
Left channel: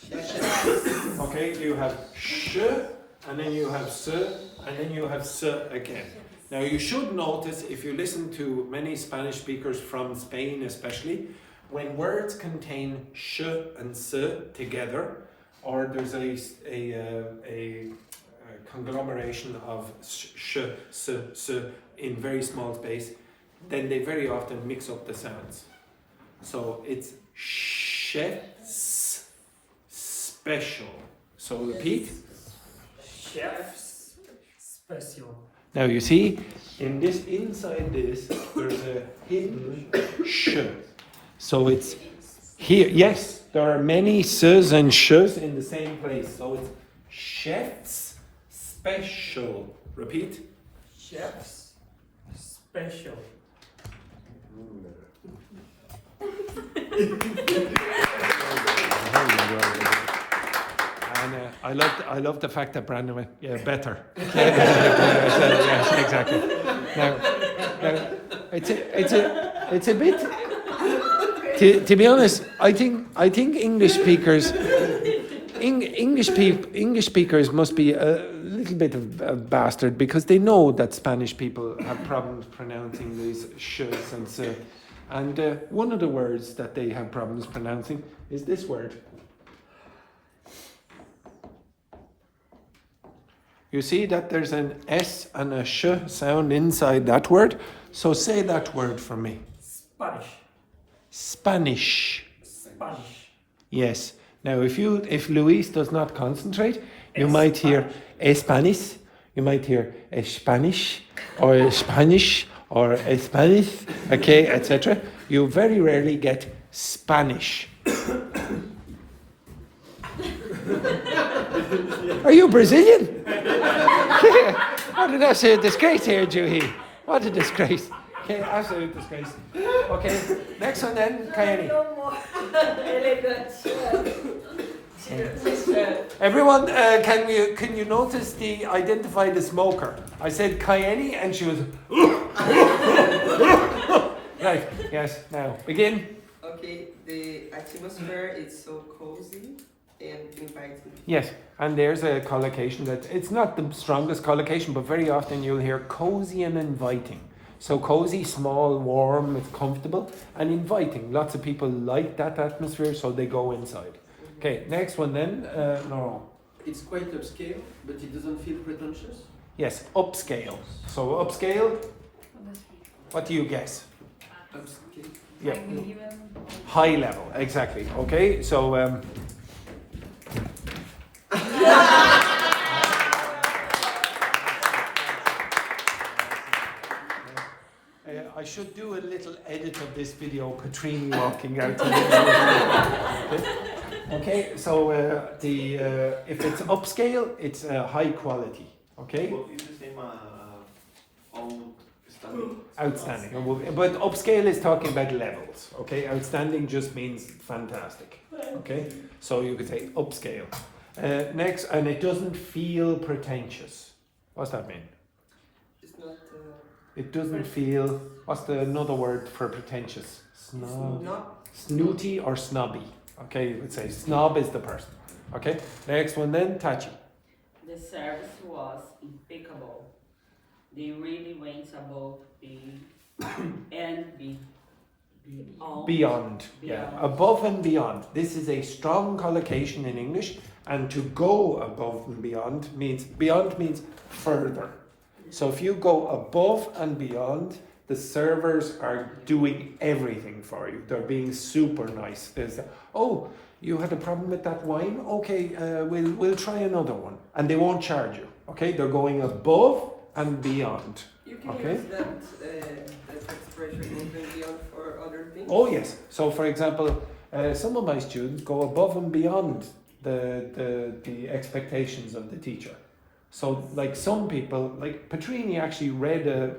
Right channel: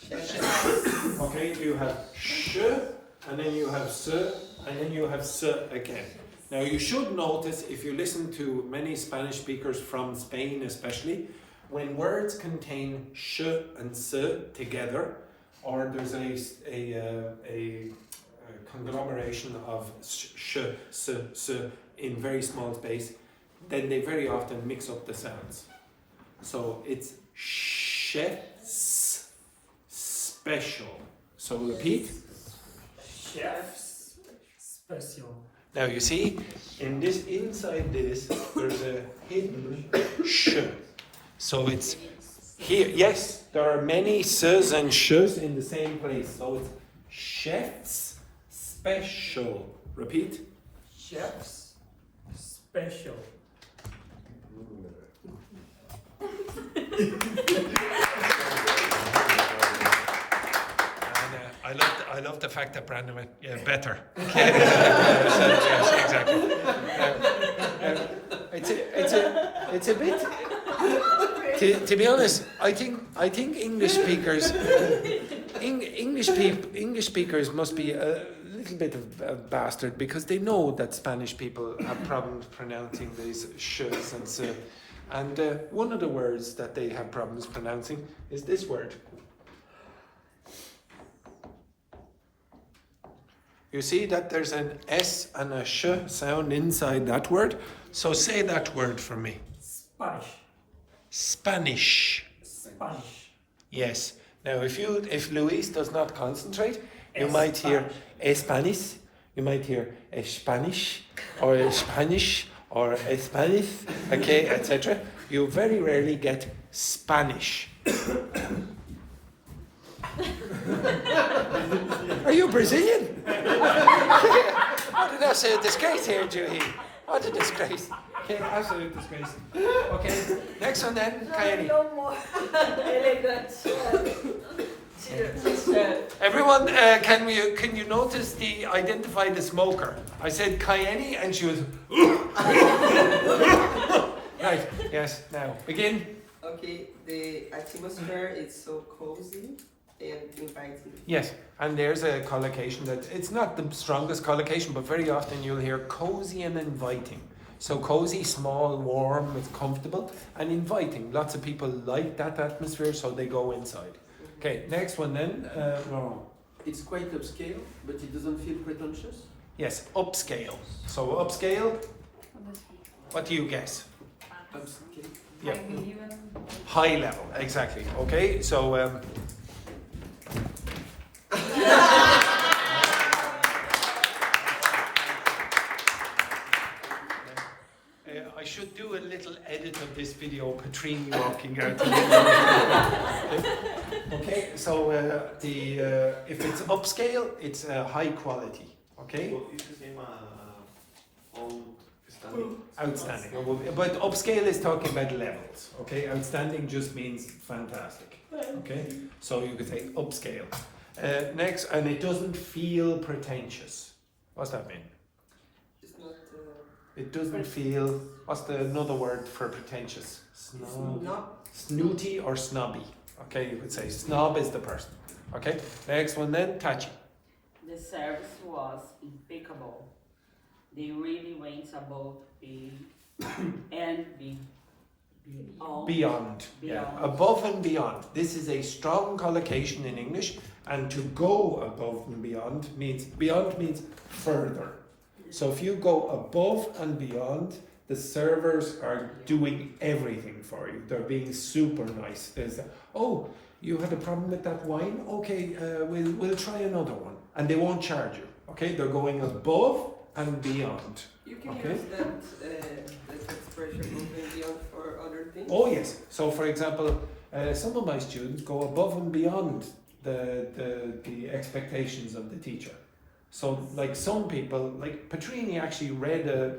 Okay, you have sh, and then you have s, and then you have s again. Now you should notice, if you listen to many Spanish speakers from Spain especially, when words contain sh and s together, or there's a conglomeration of sh, s in very small space, then they very often mix up the sounds. So it's chef's special. So repeat. Chef's special. Now you see, inside this, there's a hidden sh. So it's here. Yes, there are many s's and sh's in the same place. So it's chef's special. Repeat. Chef's special. I love the fact that Brandon went, yeah, better. Exactly. It's a bit. To be honest, I think English speakers must be a little bit of a bastard because they know that Spanish people have problems pronouncing these sh's and s. And one of the words that they have problems pronouncing is this word. You see that there's an S and a sh sound inside that word? So say that word for me. Spanish. Spanish. Spanish. Yes. Now if Luis does not concentrate, you might hear a Spanish, you might hear a Spanish, or a Spanish, or a Spanish, okay, etc. You very rarely get Spanish. Are you Brazilian? What an absolute disgrace here, Juhee. What a disgrace. Okay, absolute disgrace. Okay, next one then, Kaenny. No more. Everyone, can you notice identify the smoker? I said Kaenny and she was. Right, yes, now begin. Okay, the atmosphere is so cozy and inviting. Yes, and there's a collocation that it's not the strongest collocation, but very often you'll hear cozy and inviting. So cozy, small, warm, comfortable, and inviting. Lots of people like that atmosphere, so they go inside. Okay, next one then. No. It's quite upscale, but it doesn't feel pretentious. Yes, upscale. So upscale. What do you guess? Upscale. Yeah. High level, exactly. Okay, so. video Patrine walking out. To the okay, so if it's upscale, it's high quality. Okay. Well, it's the same outstanding. Outstanding. But upscale is talking about levels. Okay. Outstanding just means fantastic. Okay. So you could say upscale. Next, and it doesn't feel pretentious. What's that mean? It's not. It doesn't feel. What's another word for pretentious? Snob. Snooty or snobby. Okay, you could say snob is the person. Okay. Next one then, Tachi. The service was impeccable. They really went above and Beyond. Yeah. Above and beyond. This is a strong collocation in English, and to go above and beyond means further. So if you go above and beyond, the servers are doing everything for you. They're being super nice. There's oh, you had a problem with that wine? Okay, we'll try another one, and they won't charge you. Okay, they're going above and beyond. You can use that expression above and beyond for other things. Oh yes. So for example, some of my students go above and beyond the expectations of the teacher. So like some people, like Patrine actually read a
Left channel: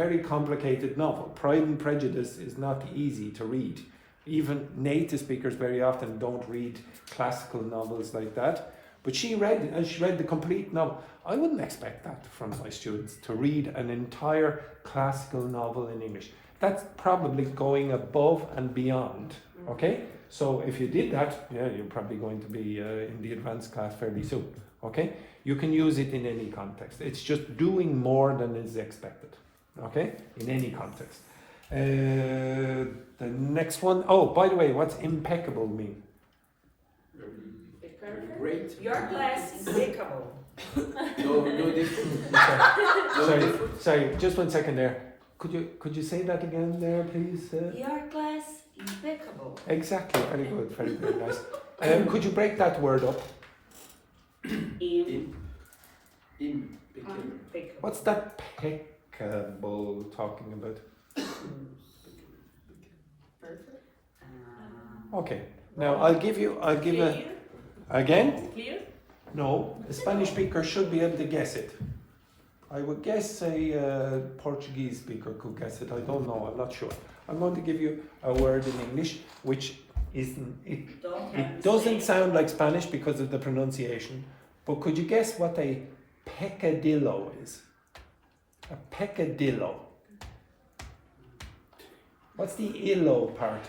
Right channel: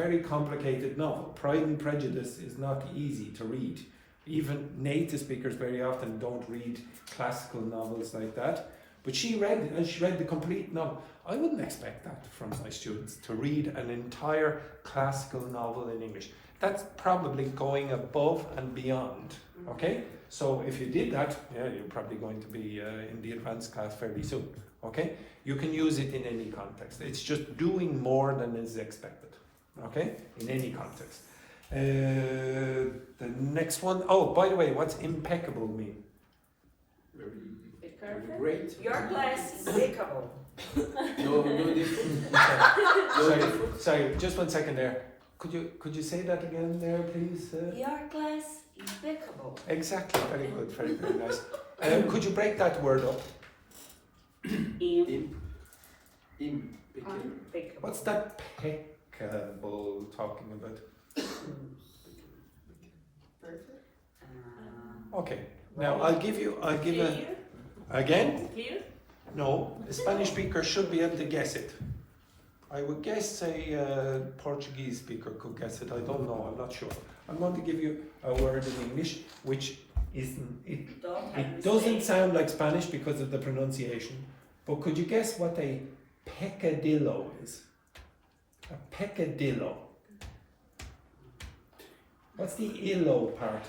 very complicated novel. Pride and Prejudice is not easy to read. Even native speakers very often don't read classical novels like that. But she read the complete novel. I wouldn't expect that from my students, to read an entire classical novel in English. That's probably going above and beyond. Okay? So if you did that, yeah, you're probably going to be in the advanced class fairly soon. Okay? You can use it in any context. It's just doing more than is expected. Okay? In any context. The next one, oh, by the way, what's impeccable mean? Great. Your class is impeccable. No difference. Sorry, just 1 second there. Could you say that again there, please? Your class impeccable. Exactly, very good, nice. Could you break that word up? Impeccable. What's that peccable talking about? Okay, now I'll give again? Clear? No, the Spanish speaker should be able to guess it. I would guess a Portuguese speaker could guess it. I don't know, I'm not sure. I'm going to give you a word in English which it doesn't sound like Spanish because of the pronunciation, but could you guess what a peccadillo is? A peccadillo. What's the illo part?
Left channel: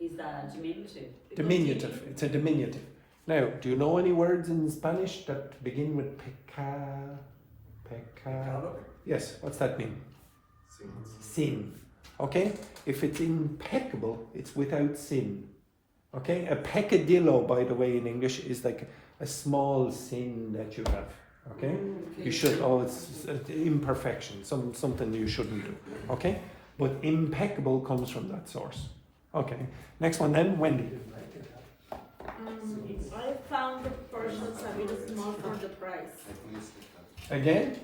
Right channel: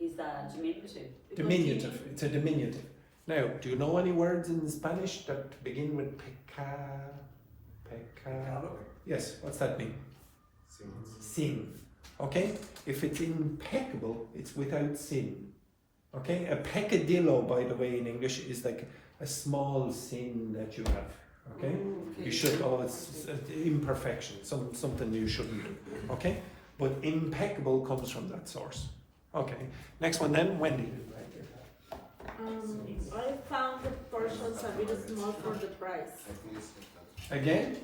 Is that diminutive? Diminutive. It's a diminutive. Now, do you know any words in Spanish that begin with peca? Yes, what's that mean? Sin. Okay? If it's impeccable, it's without sin. Okay? A peccadillo, by the way, in English is like a small sin that you have. Okay? You should, it's imperfection, something you shouldn't do. Okay? But impeccable comes from that source. Okay. Next one then, Wendy. I found the portions a bit small for the price. Again?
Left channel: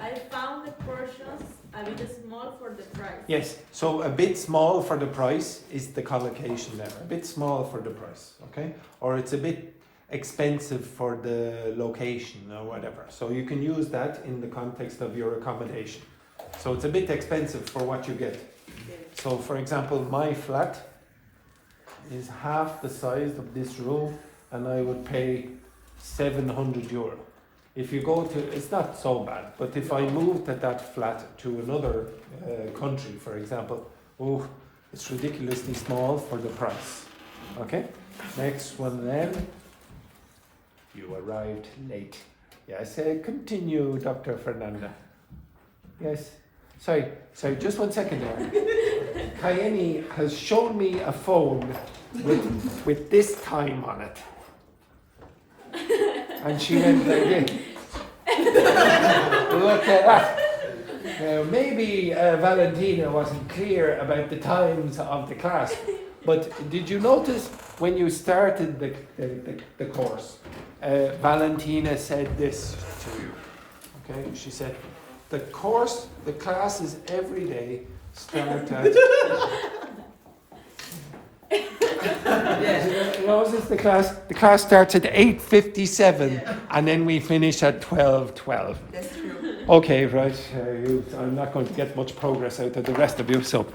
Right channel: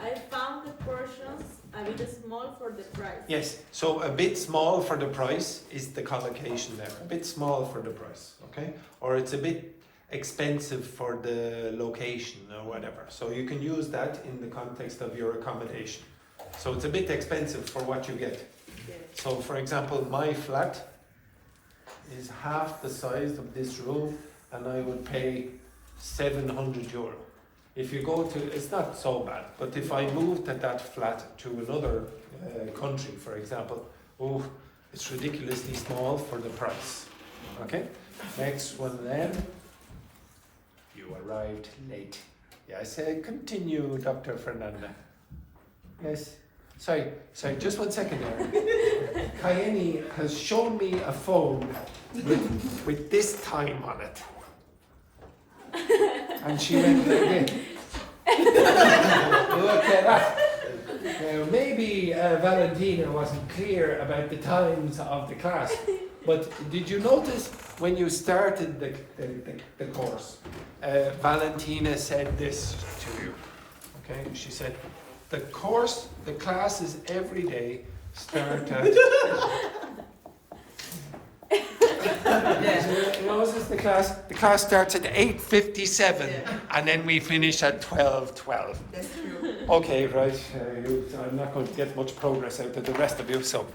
I found the portions a bit small for the price. Yes, so a bit small for the price is the collocation there. A bit small for the price, okay? Or it's a bit expensive for the location or whatever. So you can use that in the context of your accommodation. So it's a bit expensive for what you get. So for example, my flat is half the size of this room and I would pay €700. If you go to, it's not so bad, but if I moved that flat to another country, for example, oh, it's ridiculously small for the price. Okay, next one then. You arrived late. Yes, continue, Dr. Fernanda. Yes. Sorry, just 1 second there. Kaenny has shown me a phone with this time on it. And she went again. Look at that. Maybe Valentina wasn't clear about the times of the class, but did you notice when you started the course, Valentina said this to you, okay? She said, the class is every day start at. Closes the class. The class starts at 8:57, and then we finish at 12:12. That's true. Okay, right. I'm not going to get much progress out of the rest of you, so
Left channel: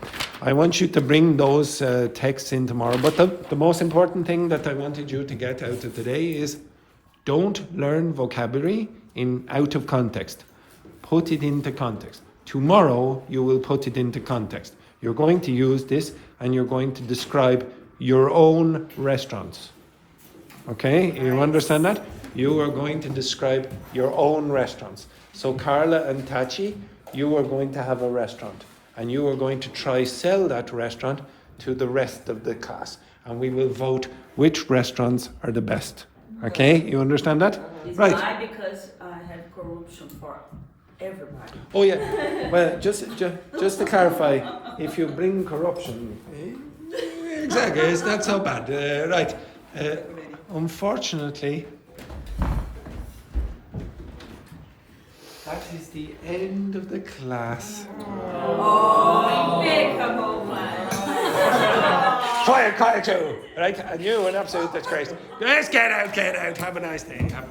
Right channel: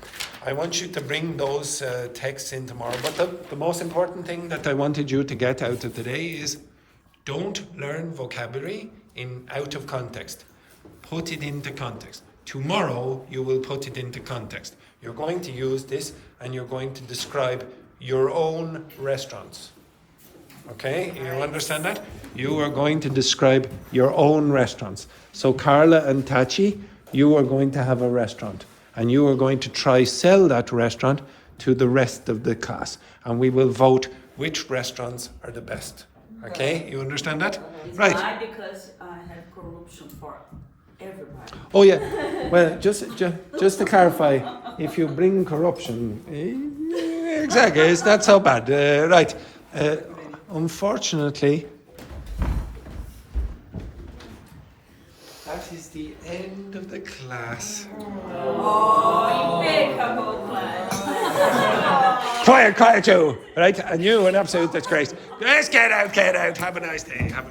I want you to bring those texts in tomorrow. But the most important thing that I wanted you to get out of today is don't learn vocabulary out of context. Put it into context. Tomorrow you will put it into context. You're going to use this and you're going to describe your own restaurants. Okay, you understand that? You are going to describe your own restaurants. So Carla and Tachi, you are going to have a restaurant and you are going to try sell that restaurant to the rest of the class. And we will vote which restaurants are the best. Okay, you understand that? It's Right. why, because I have corruption for everybody. Oh yeah. Well, just to clarify, if you bring corruption, exactly, it's not so bad. Right. Unfortunately, that is the end of the class. Oh, impeccable. Quiet, you. Right, and you, an absolute disgrace. Let's get out. Have a nice day.